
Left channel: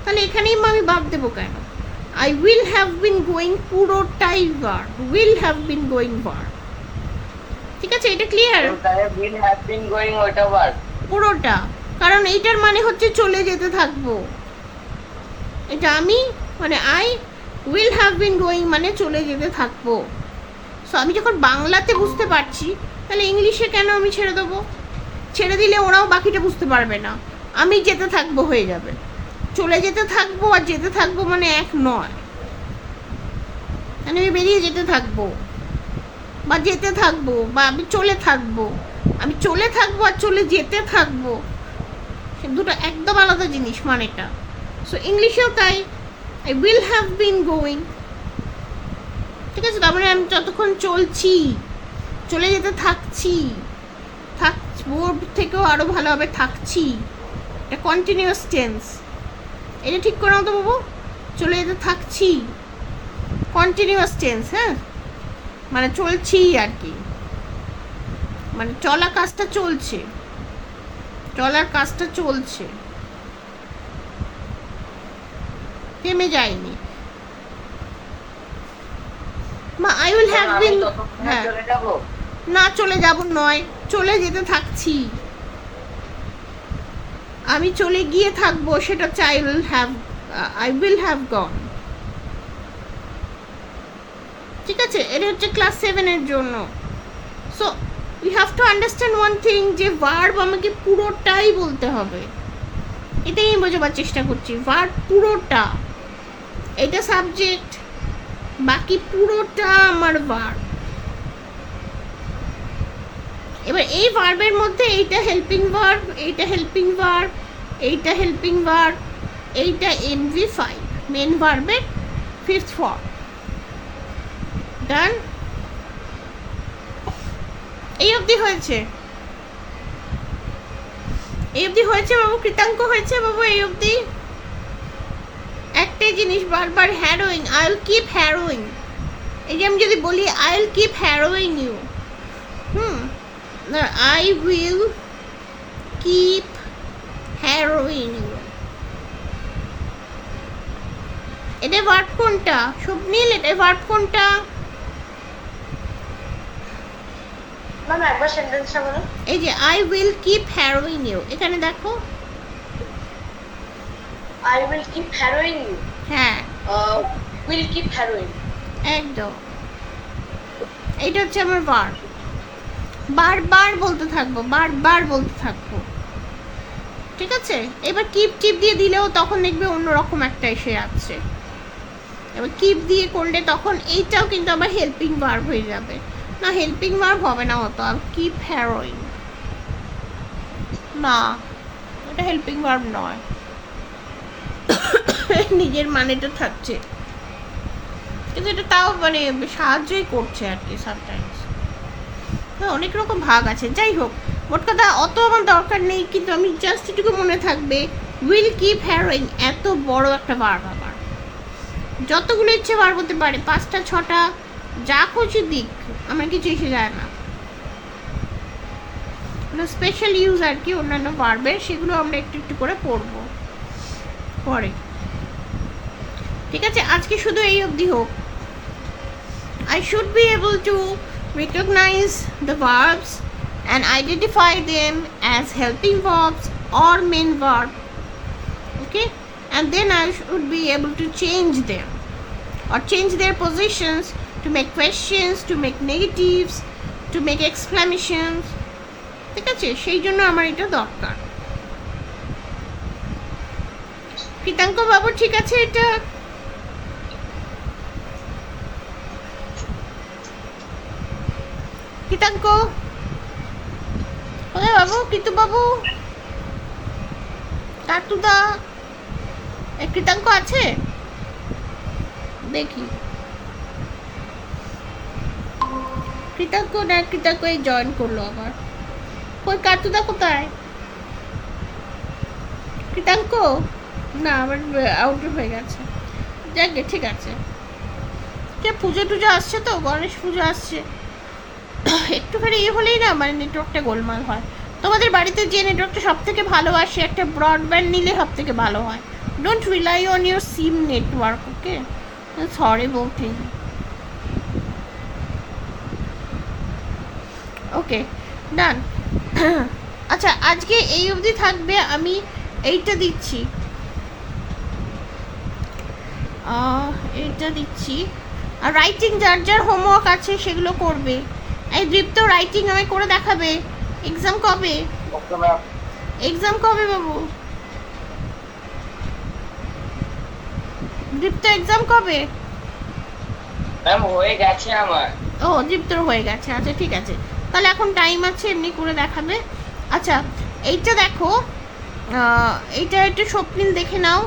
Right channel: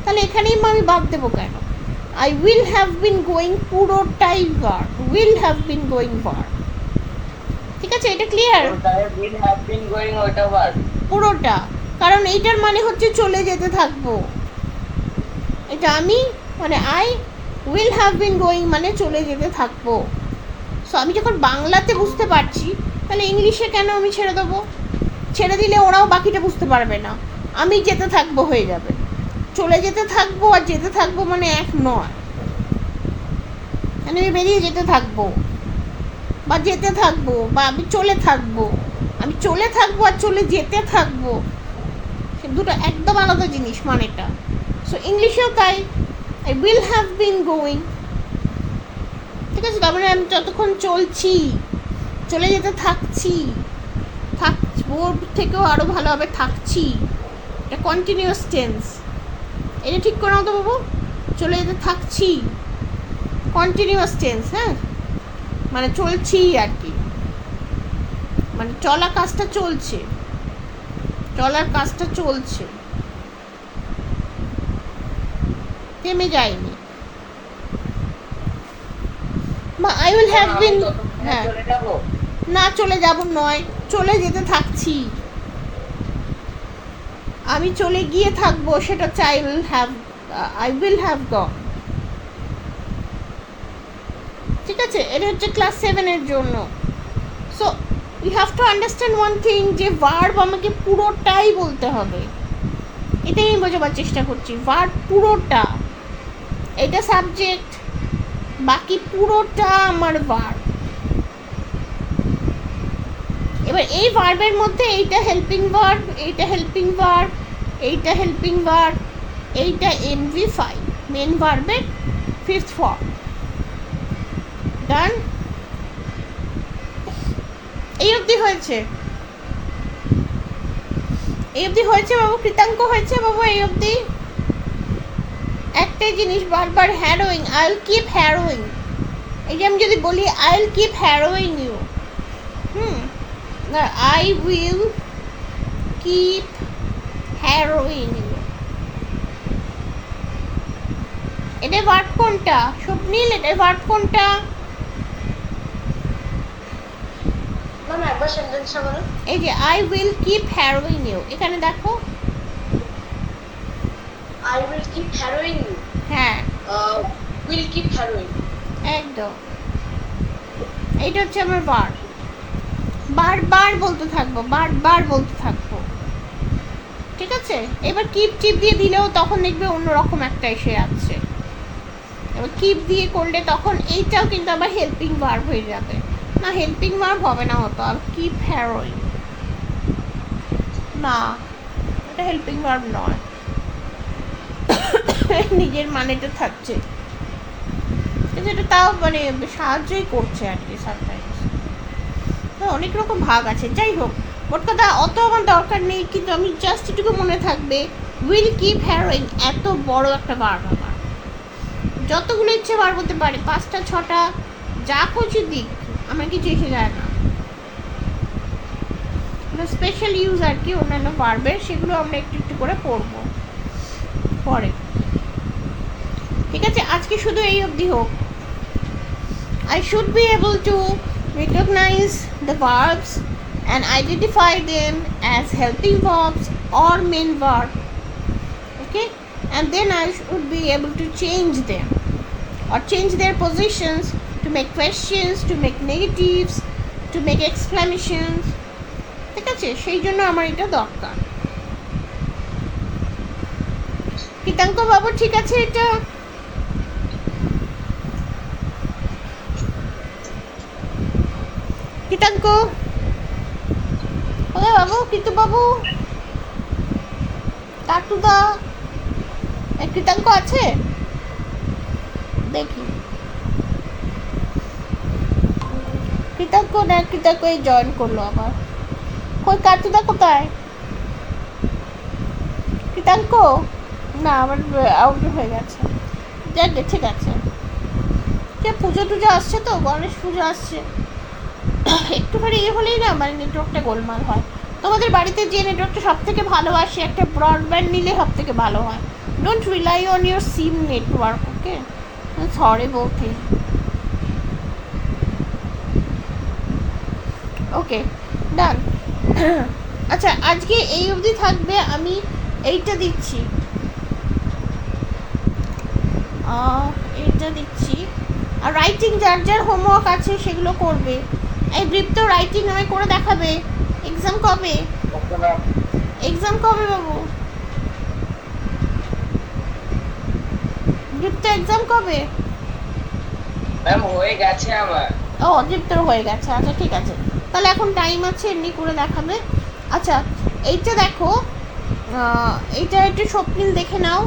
তাহলে এখানেই আমি বাদ দেবো কেন? I will have been going পুরোটাই verb, will have been going verb, ঠিক আছে? এটা ক্লিয়ার? তাহলে উইল হ্যাভ বিন গোয়িং ওটা ভার্ব। পুরোটা, কারণ এইটার মানে হচ্ছে চলে যেতে থাকবো। এটা আমি মানে I will have been going মানে চলে যেতে থাকবো। সো আমি যখন বাংলাতে বুঝতে পারছি, তাহলে ইংলিশে কেন আমি ছেড়ে দেবো? ছেড়ে দিলে ওরাও বাকিটা বুঝতে পারবে না, আমি যেতে থাকবো হয়ে যাবে। চলে যেতে থাকবো আর যেতে থাকবো মানে এক নয়। মানে আমি বেরিয়ে যেতে থাকবো বা যেতে থাকবো বা আমি চলে থাকবো, আমি চলে থাকবো আর চলে যেতে থাকবো, সে দুটো একদম আলাদা জিনিস মানেটা। সো ইংলিশেও তাই, I will have been going, ঠিক আছে? তার মানে আমি যতক্ষণ চলছি, চলে যেতে থাকছি, থাকবো থেকেও আরও ভালোভাবে থাকছি, এটা কন্টিনিউয়াস টেন্স। এটা ঠিক করে নাও তো বাবু, চলে যেতে থাকছি কন্টিনিউয়াস টেন্স, হ্যাঁ, মানে চলছি আর কি, মানে চলা কাজটা চলছে, চলার কাজটা চলছে, থেমে যায়নি। মা আই উইল হ্যাভ বিন, হ্যাঁ, চলে যাবো। না চলে যাব নয়, চলে যেতে থাকছি। আমি চলে গিয়ে থাকবো, সেটা হচ্ছে আই উইল হ্যাভ গন, ঠিক আছে? এটা হচ্ছে ক্লাস 7-এর জন্য। So you have to understand one thing, যে ভার্ব আমাকে পুরোটাই বলতে হবে। এটাই আমি বোঝাবার চেষ্টা করছি, ভার্ব পুরোটা, এটা সাবজেক্ট, বাকি পুরোটা আমার ভার্ব। এবার এই ভার্বের মধ্যে এইটা হেল্পিং ভার্ব, এইটা হেল্পিং ভার্ব, এইটা হেল্পিং ভার্ব, এইটা MV5 মেন ভার্বের 5th ফর্ম। ডান? এই অবধি হয়েছে? এই অবধি হয়েছে বাবু? কৃতাঙ্ক হয়েছে বাবু এই অবধি? একটাই জিনিস বারবার harrowing, I will keep harrowing. এই যে আমি যদি বলি I will keep harrowing you, I will keep harrowing you, এটা ভার্ব কোনটা স্বপ্নীল? এটা ভার্ব কোনটা? ম্যাম একবার সেন্টেন্সটা বলো। এই যে I will keep harrowing you, এখানে দেখো। I will keep harrowing you, হ্যাঁ উইল কিপ হ্যারোইং। একদম, এইটা হচ্ছে আমার ভার্ব। বারবার বলতে থাকবো, বারবার বলতে থাকবো, ঠিক আছে? এবার কিপ চিপ দিয়ে দিলেও তখন দেখবে অন্যরকম একটা এসে যাচ্ছে। এবার কিপ দিয়ে করলে তখন এইটাও কিন্তু আবার হেল্পিং ভার্ব হয়ে যাবে। না, হেল্পিং ভার্ব হবে না হতো, আর কিপ হ্যারোইং, না এটা হেল্পিং ভার্ব নয়। নিজের মানেটা থাকছে, কিন্তু এটা তাও মানে সাহায্যই করছে আর কি সামটাইমস। অনেক রকম ভাগ আছে, যাই হোক মোট কথা অত আমার দরকার নেই, কিন্তু আমি জাস্ট এটুকু মনে থাকবে উইল কিপ হ্যারোইং এত বড় একটা ভার্ব। আমার যতগুলো ইচ্ছে বার করতে পারে, 5টা 6টা যা খুশি দিক, আমার কিছু এসে যায় না। স্পেশাল ইউজ আর কি অন্যান্য ভার্বের, সেগুলো আমরা একটু একটু করে পড়বো পরে, ঠিক আছে? আজকে শুধু এই অবধি হোক। I should be able to recognize the verbs and identify them as helping verbs or main verb, okay? And then I should be able to change them or change their positions to make questions, to make negatives, to make exclamations, ঠিক আছে? সেই জন্য আমার এটা দরকার। কৃতাঙ্ক বাবু ঠিক আছে এটা? কৃতাঙ্ক কোথায় বাবু? কৃতু বাবু, টাটুদা, কৃতাঙ্ক আছে? দেখি কৃতাঙ্ক না, কৃতাঙ্ক এই জয়েন করলো আবার। কই কাটুদা কোথায়? কৃতাঙ্ক না, আমার আউট হয়ে গেছে। যাক গে, ঠিক আছে। পুজো টুজো আসছে তো, গণেশ পুজো আসছে, একটুখানি ইয়ে হলেই না মানে নেটওয়ার্কটা গোলমাল হয়। তোমাদের বাড়িতে যে নেটওয়ার্কটা সব থেকে ভালো আসে, একটা ব্রডব্যান্ড নিলে সব থেকে ভালো হয়। Don't rely on your SIM network, okay? Horrible thing. Okay, done. আচ্ছা, আজকে এই অবধি থাকবে। আমি এইটা দিচ্ছি, এইটা দিচ্ছি। আর রাইটিং যার যার হোমওয়ার্ক আছে সেগুলো করবে। এই দীপ্ত রাইটিং আমায় করে দেখাবে। এক্সাম কবে? এক্সাম কবে বাবু? দীপ্ত এক্সাম কবে? ম্যাম হয়ে গেছে আমার। ও, দীপ্তর হয়ে গেছে, আচ্ছা ঠিক আছে, তাহলে এখন টাইম আছে, এমনি করে দেখাবে। আচ্ছা, এইটা দেখো, এইটা একটু স্বপ্নিল দেখে নাও।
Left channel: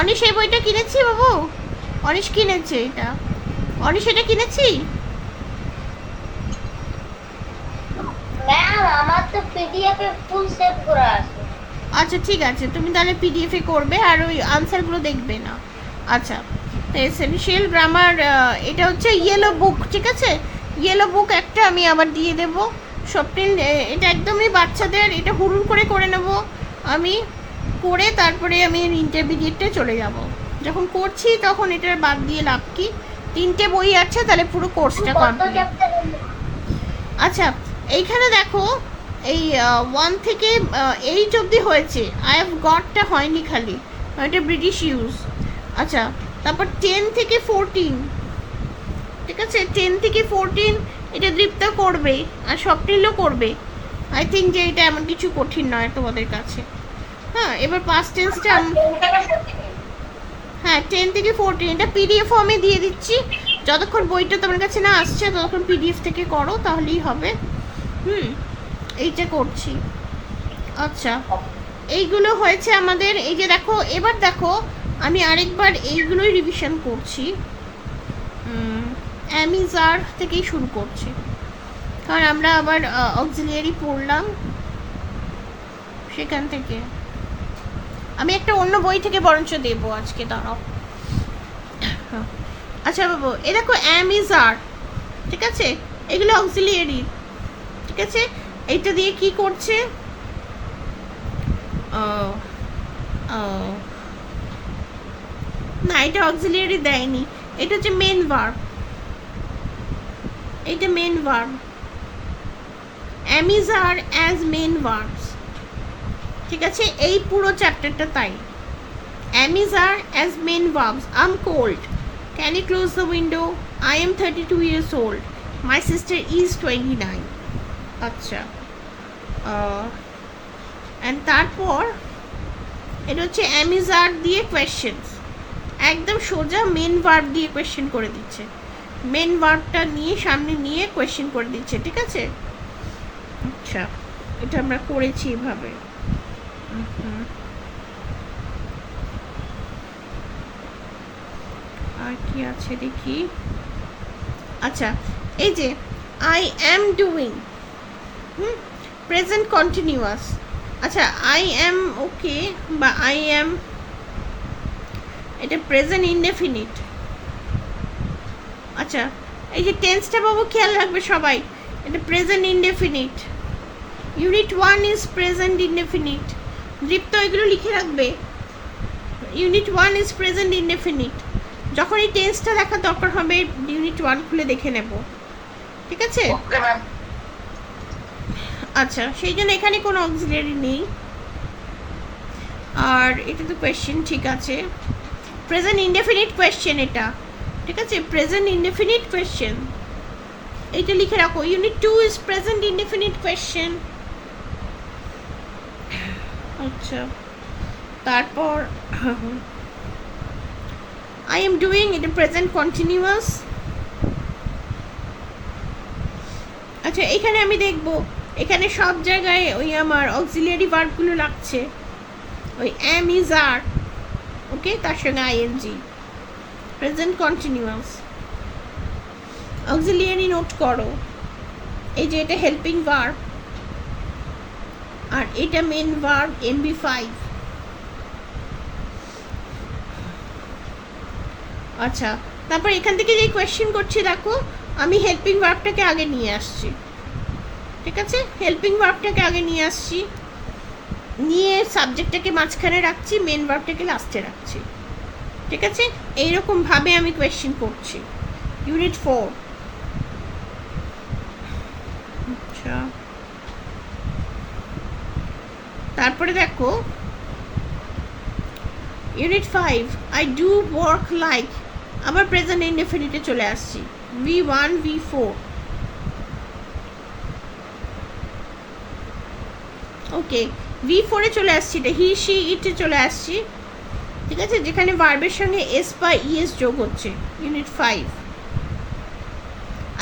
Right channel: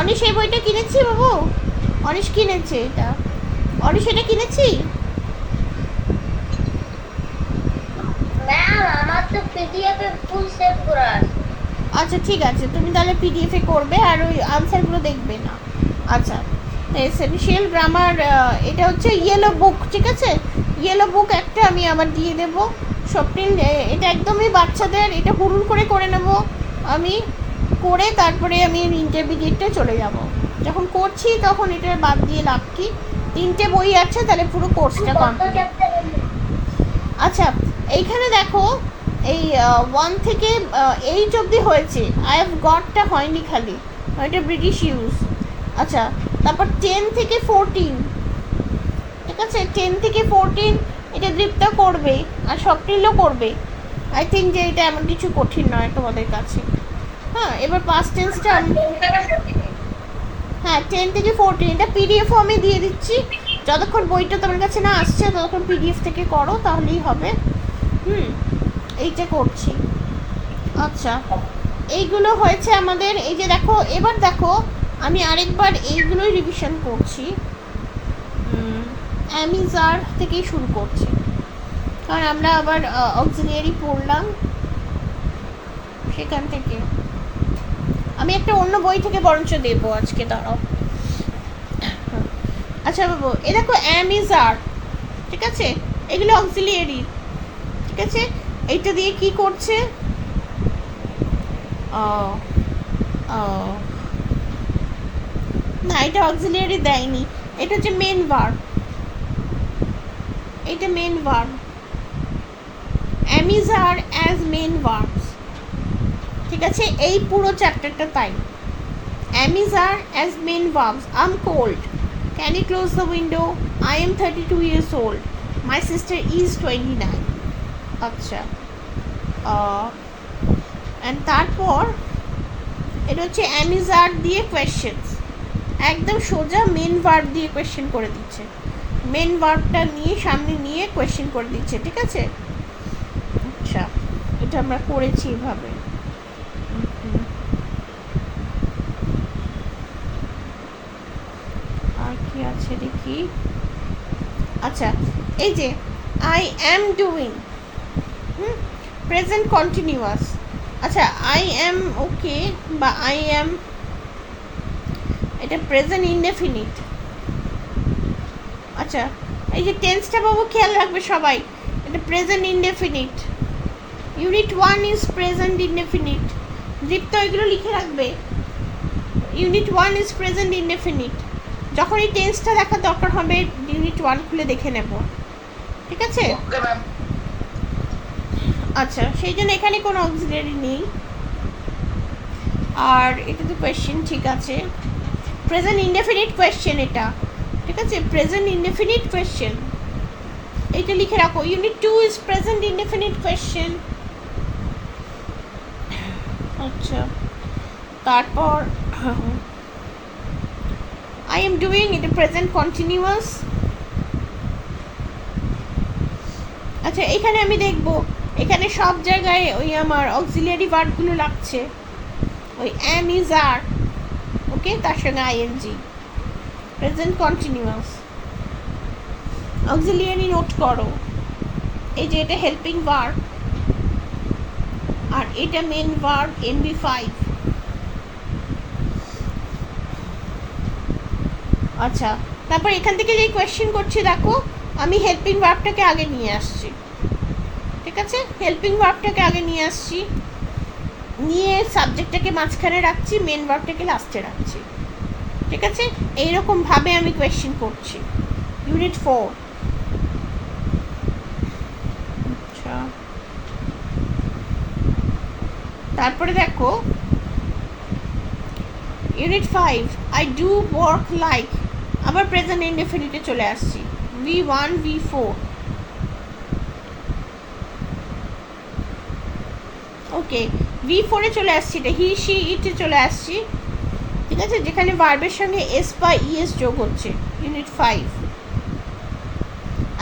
অনিশ এই বইটা কিনেছি বাবু? অনিশ কিনেছে এটা? অনিশ এটা কিনেছি? ম্যাম আমার তো পিডিএফ এ ফুল সেভ করা আছে। আচ্ছা ঠিক আছে, তুমি তাহলে পিডিএফ এ করবে আর ওই আনসারগুলো দেখবে না। আচ্ছা, এসেনশিয়াল গ্রামার, এটা হচ্ছে ইয়েলো বুক, ঠিক আছে? ইয়েলো বুক একটা আমি আবার দিয়ে দেবো। স্বপ্নিল এটা একদমই বাচ্চাদের, এটা হুড়ুর করে করে নেব আমি, করে তারপরে আমি ইন্টারমিডিয়েটে চলে যাব। যখন করছি তখন এটার বাদ দিয়ে লাভ কি? 3টে বই আছে, তাহলে পুরো কোর্সটা কত কমপ্লিট। চ্যাপ্টার? আচ্ছা, এইখানে দেখো, এই 1 থেকে 8 অবধি হয়েছে। আই হ্যাভ গটটা হয়নি খালি, এটা ব্রিটিশ ইউজ। আচ্ছা, তারপর 10 থেকে 14, ঠিক আছে? 10 থেকে 14 এটা দীপ্তা করবে আর স্বপ্নিলও করবে। আই থিঙ্ক যে এটা এমন কিছু কঠিন নয় তোমাদের কাছে। হ্যাঁ, এবার পাস্ট টেন্সটা, হ্যাঁ 10 থেকে 14 এটা পিডিএফও আমি দিয়ে দিচ্ছি। যতক্ষণ বইটা তোমার কাছে না আসছে ততক্ষণ পিডিএফ থেকে করো, তাহলেই হবে। এইটা করছি। আচ্ছা, এইগুলো হয়েছে আমাদের। এই যে দেখো, এবার দেখো আমি আরেকবার এইগুলোই রিভিশন করছি। অ্যামিজার থেকেই শুরু করছি, কারণ আমরা আবার অক্সিলিয়ারি পড়লাম সেখান থেকে। আমি একটা অন্য বই থেকে বরঞ্চ দেবো আজকে, দাঁড়াও। আচ্ছা বাবু, এ দেখো অ্যাম ইজ আর, ঠিক আছে, এগুলো অক্সিলিয়ারি, ঠিক আছে। এইটা দিয়ে কি করছে? ও ও না, এটা অক্সিলিয়ারি দেয়নি, এটা হচ্ছে মেন ভার্ব, এটা main verb. Am is are as main verbs, ঠিক আছে, এই পুরো চ্যাপ্টারটা তাই। Am is are as main verbs. I'm cold. Can you close the window? I am 32 years old. My sister is 29. আচ্ছা, and তারপর এটা হচ্ছে am is are দিয়ে questions, একদম সোজা মেন ভার্ব দিয়ে কোয়েশ্চেন করে দিচ্ছে, মেন ভার্বটা নিয়ে সামনে নিয়ে কোয়েশ্চেন করে দিচ্ছে, ঠিক আছে। আচ্ছা, এটা আমরা করেছি এভাবে। আর কি আছে দেখি। আচ্ছা, এই যে I am doing, present continuous. আচ্ছা, আই অ্যাম ওকে বা আই অ্যাম, এটা প্রেজেন্ট ইনডেফিনিট। আচ্ছা, এই যে টেন্সটা বাবু খেয়াল রাখবে সবাই, এটা present indefinite. Unit 1 is present indefinite. Dipta এগুলো লিখে রাখবে। Unit 1 is present indefinite. যখন এই টেন্সটা দেখার দরকার হবে ইউনিট 1 খুলে দেখে নেব, ঠিক আছে। আচ্ছা, সেই জন্য এখানে কোনো অক্সিলিয়ারি নেই। আর এটা তো কোয়েশ্চেন, ঠিক আছে, প্রেজেন্ট ইনডেফিনিট কোয়েশ্চেন এটা, ঠিক আছে, প্রেজেন্ট ইনডেফিনিট কোয়েশ্চেন, এইটা লিখে রাখো। Unit 2 is present indefinite question. আচ্ছা, তারপর I am doing it present continuous। আচ্ছা, এখানে আমি দেখব, এখানে সব জায়গায় ওই আমার অক্সিলিয়ারি ভার্বগুলো লাগছে, ওই am is are, ওকে, তার সঙ্গে ing, present continuous. Auxiliary note করো, এই যে এটা হেল্পিং ভার্ব আর এটা মেন ভার্ব MB5। আচ্ছা, তারপর এখান থেকে যে কোয়েশ্চেন করছি দেখো, আমি হেল্পিং ভার্বটাকে আগে নিয়ে আসছি, ঠিক আছে, হেল্পিং ভার্বটাকে আগে নিয়ে আসছি, নিয়ে সাবজেক্টটাকে মাঝখানে রাখছি, মেন ভার্বটাকে লাস্টে রাখছি, ঠিক আছে, এইরকম ভাবে আমি কোয়েশ্চেন করছি। ইউনিট 4। আচ্ছা, তারপরে দেখো unit 5, I do work like, আবার প্রেজেন্ট ইনডেফিনিটে চলে আসছি, V1 V4। ওকে, V4 এ চলে আসছি, এটা হি শি ইটে চলে আসছি, ঠিক আছে, যেখানে ভার্বের সঙ্গে এস বা ইএস যোগ হচ্ছে। ইউনিট 5।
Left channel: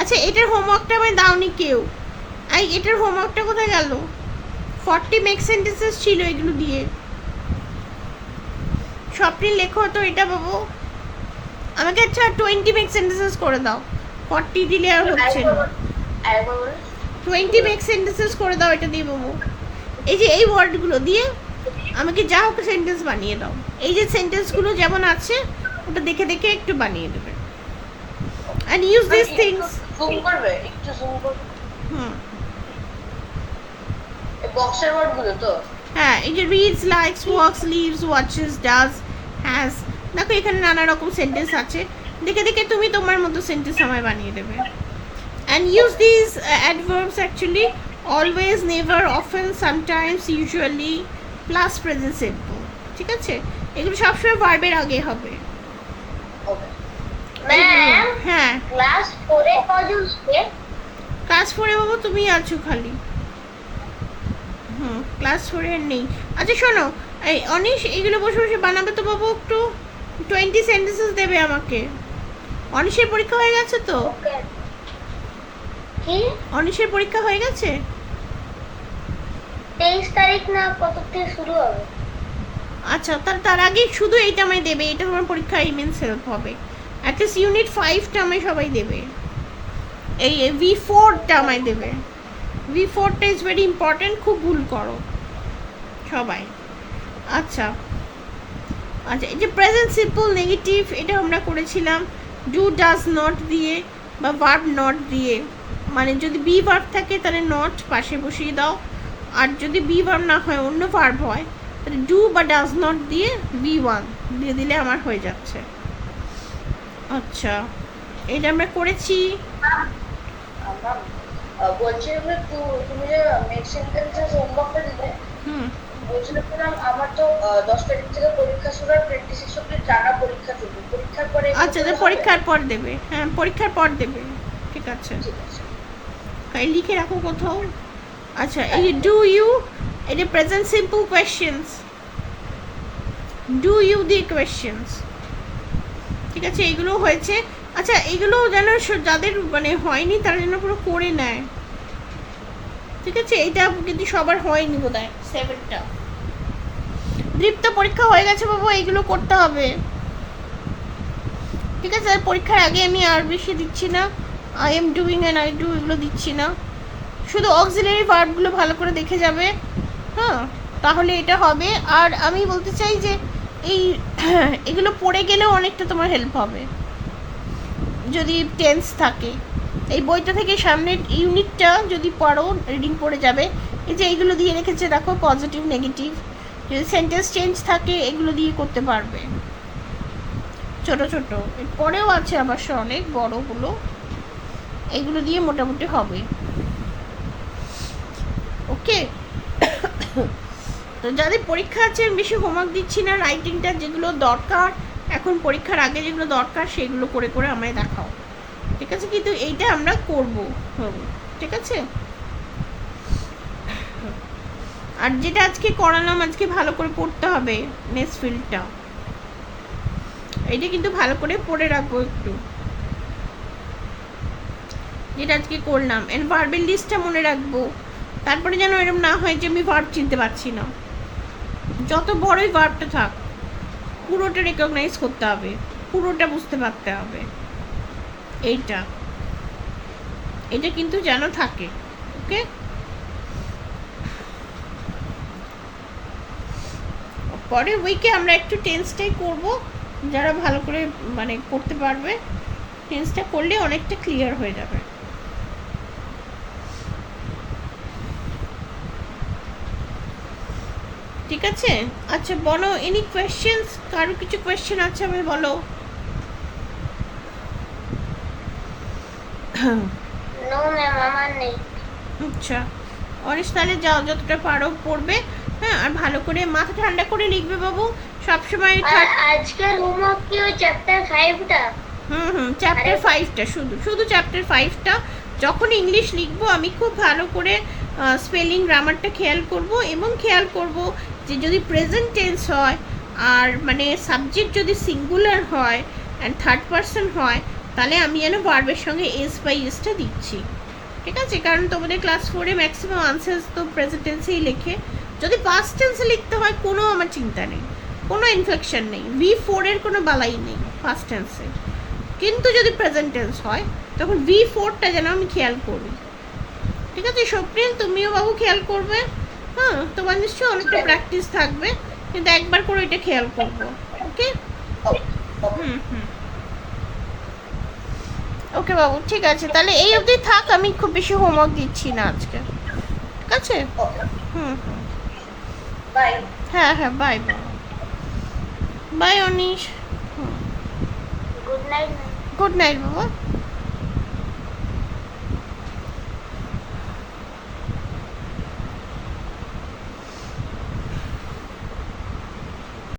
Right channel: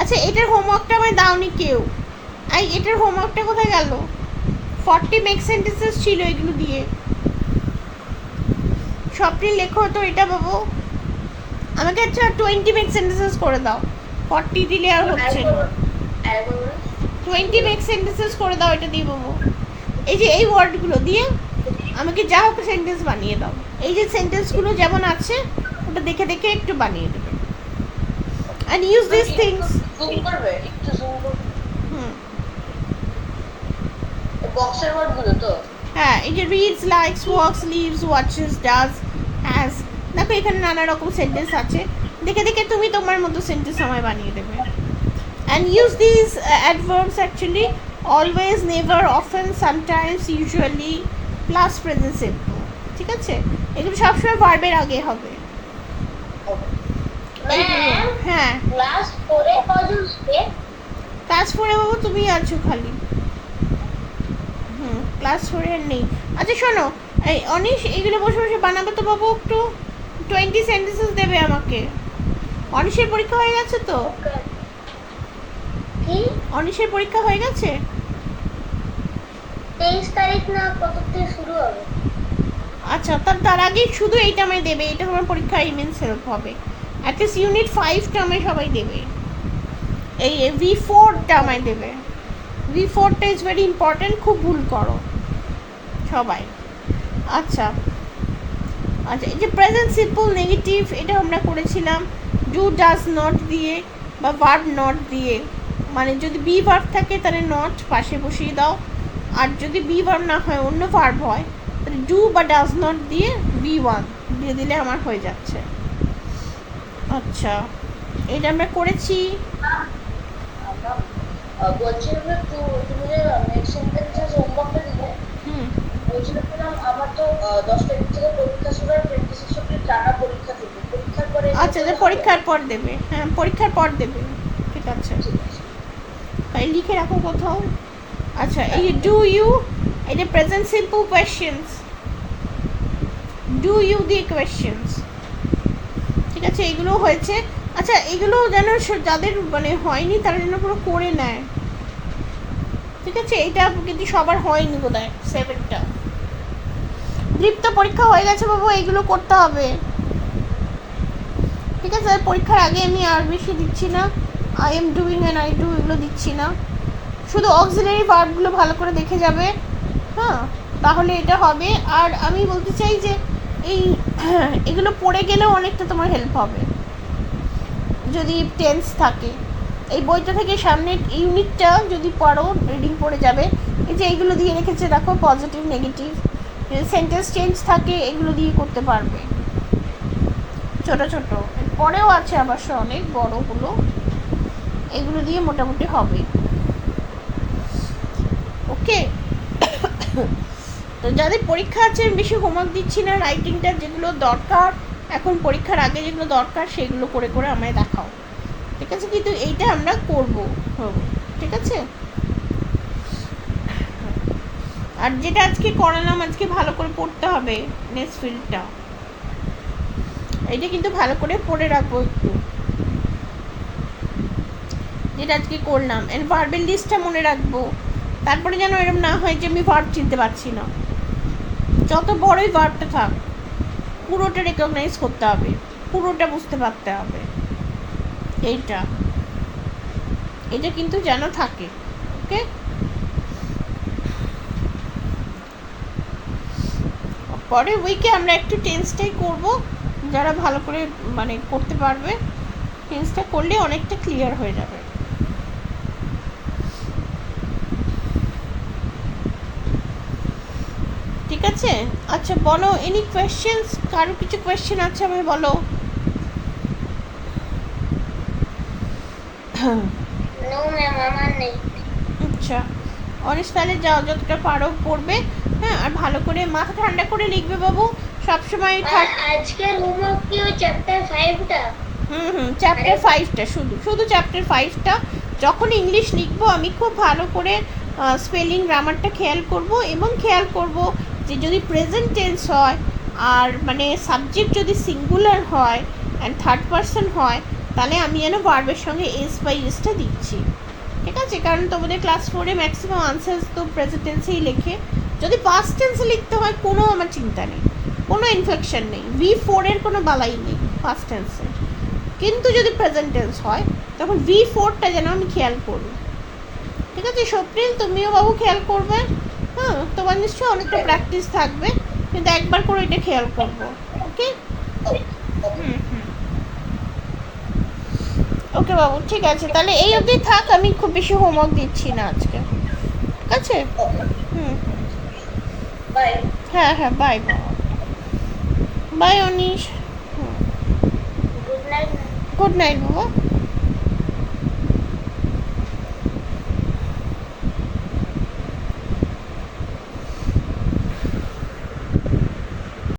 আচ্ছা, এটার হোমওয়ার্কটা আমায় দাওনি কেউ, এটার হোমওয়ার্কটা কোথায় গেল? 40 মেক সেন্টেন্সেস ছিল, এগুলো দিয়ে সবটি লেখো তো এটা বাবু আমাকে। আচ্ছা, 20 মেক সেন্টেন্সেস করে দাও, 40 দিলে আর হচ্ছে না। 20 মেক সেন্টেন্সেস করে দাও এটা দিয়ে বাবু। এই যে এই ওয়ার্ডগুলো দিয়ে আমাকে যা হোক সেন্টেন্স বানিয়ে দাও, এই যে সেন্টেন্সগুলো যেমন আছে ওটা দেখে দেখে একটু বানিয়ে দেবে। and use these things। Zoom করবে, একটু জুম করবে। এই বক্সের ওয়ার্ডগুলো তো, হ্যাঁ, এই যে reads, likes, walks, lives, watches, does, has, দেখো এখানে নানা রকম সেন্টেন্স আছে, দেখে দেখে তুমি তোমার মতো সেন্টেন্স আমায় বানিয়ে দেবে। and use these adverbs actually, always, never, often, sometimes, usually, plus present simple, ঠিক আছে, এগুলো সবসময় ভার্বের আগে হবে। ম্যাম, হ্যাঁ, ক্লাস 4 এ কজন স্টে? ক্লাস 4 এ বাবু তুমি আছো খালি, ক্লাস 4 এর নেই। আচ্ছা শোনো, এই অনিশ এগুলো বসে বসে বানাবে তো বাবু, একটু 20 সেন্টেন্সেস দেবে আমাকে। অনিশের পরীক্ষা হয়ে গেছে তো? কি অনিশের পরীক্ষা হয়ে গেছে? 23 তারিখ না কত থেকে শুরু হবে? আচ্ছা, তার আগে শুধু এইটা আমায় দেবে, এটা তোমার পরীক্ষার ইমেন্স হেল্প হবে। অ্যাটলিস্ট ইউনিট 5টা আমায় সবাই দেবে, এই V4টা আমায় দেবে। V4টা ইজ ভেরি ইম্পর্টেন্ট, খুব ভুল করো সবাই। আচ্ছা, আচ্ছা, এই যে প্রেজেন্ট সিম্পল নেগেটিভ, এটা আমরা করেছিলাম ডু ডাজ নট দিয়ে বা ভার্ব নট দিয়ে। মানে যদি বি ভার্ব থাকে তাহলে নট পাশে বসিয়ে দাও, আর যদি বি ভার্ব না হয় অন্য ভার্ব হয় তাহলে ডু বা ডাজ নট দিয়ে বি ওয়ান দিয়ে দিলে আমার হয়ে যাচ্ছে। আচ্ছা, এটা আমরা করেছি। আমরা বলছিলাম যে তুমি যে নেক্সট সেন্টেন্সের হোমওয়ার্কটা দিলে, হুম, বলছিলাম যে ম্যাম আমার তো 10 তারিখ থেকে পরীক্ষা শুরু হয়, 26 অব্দি টানা পরীক্ষা দেবো, পরীক্ষার পরে এগুলো আচ্ছা, করলে যে হবে? পরীক্ষার পর দেবে, হ্যাঁ পরীক্ষার পর দেবে, ঠিক আছে। ঠিক আছে। তাই লিখে রাখো কোথাও। আচ্ছা, এই ডু ইউ, এটা present simple questions, do you দিয়ে কোয়েশ্চেন্স, ঠিক আছে, এগুলো হয়েছে। আচ্ছা, এগুলো যেন যাদের মানে হয়নি তারা যেন পুরো করে নেয়, ঠিক আছে। এইটা কিন্তু সবার হয়নি বোধ হয় 7টা। দীপ্ত পরীক্ষা হয়ে গেছে বাবু, এইগুলো করতে হবে, ঠিক আছে। আর পরীক্ষার আগে আমি আর বেশি দিচ্ছি না, I am doing and I do এগুলো দিচ্ছি না, শুধু অক্সিলারি ভার্বগুলো ভালো করে দেখে যাবে, হ্যাঁ, তাহলে এটা হবে। আর আমি বলতে চাই যে এই এগুলো পড়ে গেলেও অনেকটা তোমার হেল্প হবে যদি টেন্স থাকে। এই বইটা থেকে সামনের ইউনিটটা যদি পড়ো, রিডিং পড়ে যাবে। এই যে এইগুলো দিয়ে রেখেছে দেখো, পজিটিভ নেগেটিভ, যদি সেন্টেন্স চেঞ্জ থাকে এগুলো দিয়ে করতে পারবে, ছোট ছোট। পরেও আছে আবার অনেক বড়গুলো, এইগুলো দিয়ে মোটামুটি হবে। ওকে, তো যাদের পরীক্ষা আছে আমি বেশি হোমওয়ার্ক দিচ্ছি না, রাইটিংটা যেগুলো দরকার এখন পরীক্ষার আগে যেগুলো দরকার সেগুলো করে করে আমায় দেখাও, ঠিক আছে। কিন্তু এইটা আমরা করবো, ঠিক আছে। আর যেটা আজকে করালাম, আজকে ভালো করে পড়তে হবে নেক্সট ফিল্ডটা, এইটা কিন্তু ভালো করে পড়ে রাখবো একটু, যেটা আজকে করলাম। এর ভার্বের লিস্টটা মনে রাখবো, তারপরে যেন এরকম না হয় যে আমি ভার্ব চিনতে পারছি না। যত বড়ই ভার্বটা থাক পুরোটা রেকগনাইজ করতে হবে, পুরোটা বুঝতে পারতে হবে, এইটা এটা কিন্তু যেন থাকে। ওকে, পরের উইকে আমরা একটু টেন্সটাই করব, যারা ভালো করে মানে করতে পারবে টেন্সটা করলে অনেকটা ক্লিয়ার হয়ে যাবে। ঠিক আছে, আচ্ছা বলো, এনি কোয়েশ্চেন্স, কারো কিছু কোয়েশ্চেন আছে আমায় বলো। নো ম্যাম, আমার নেই। আচ্ছা, অনেক তাহলে যাও, যতটা পারো পড়বে, হ্যাঁ, আর ভালো করে মাথা ঠান্ডা করে লিখবে বাবু সবসময়। আর আজকের হোমওয়ার্ক কি ওই চ্যাপ্টার 5টা? চ্যাপ্টার 5টা, শুধু শুধু চ্যাপ্টার 5টা। যখন ইংলিশ লিখবো আমি খুব ভালো করে স্পেলিং গ্রামারটা খেয়াল করব, এবং খেয়াল করব যে যদি প্রেজেন্ট টেন্স হয় আর মানে সাবজেক্ট যদি সিঙ্গুলার হয় অ্যান্ড থার্ড পারসন হয়, তাহলে আমি যেন ভার্বের সঙ্গে এস বাই এসটা দিচ্ছি, ঠিক আছে। কারণ তোমাদের ক্লাস 4-এ ম্যাক্সিমাম আনসার্স তো প্রেজেন্ট টেন্সেই লেখে। যদি পাস্ট টেন্সে লিখতে হয় কোনো আমার চিন্তা নেই, কোনো ইনফেকশন নেই, V4-এর কোনো বালাই নেই পাস্ট টেন্সে। কিন্তু যদি প্রেজেন্ট টেন্স হয় তখন V4টা যেন আমি খেয়াল করি, ঠিক আছে। স্বপ্নিল, তুমিও বাবু খেয়াল করবে, হ্যাঁ, তোমার নিশ্চয়ই অনেকটা প্র্যাকটিস থাকবে, কিন্তু একবার করে এটা খেয়াল করবো। ওকে, ওকে বাবু, ঠিক আছে, তাহলে এই অবধি থাক, আমি খুব বেশি হোমওয়ার্ক দিচ্ছি না আজকে, ঠিক আছে। বাই। হ্যাঁ হ্যাঁ, বাই বাবা, bye Anish, good night. Good night বাবা।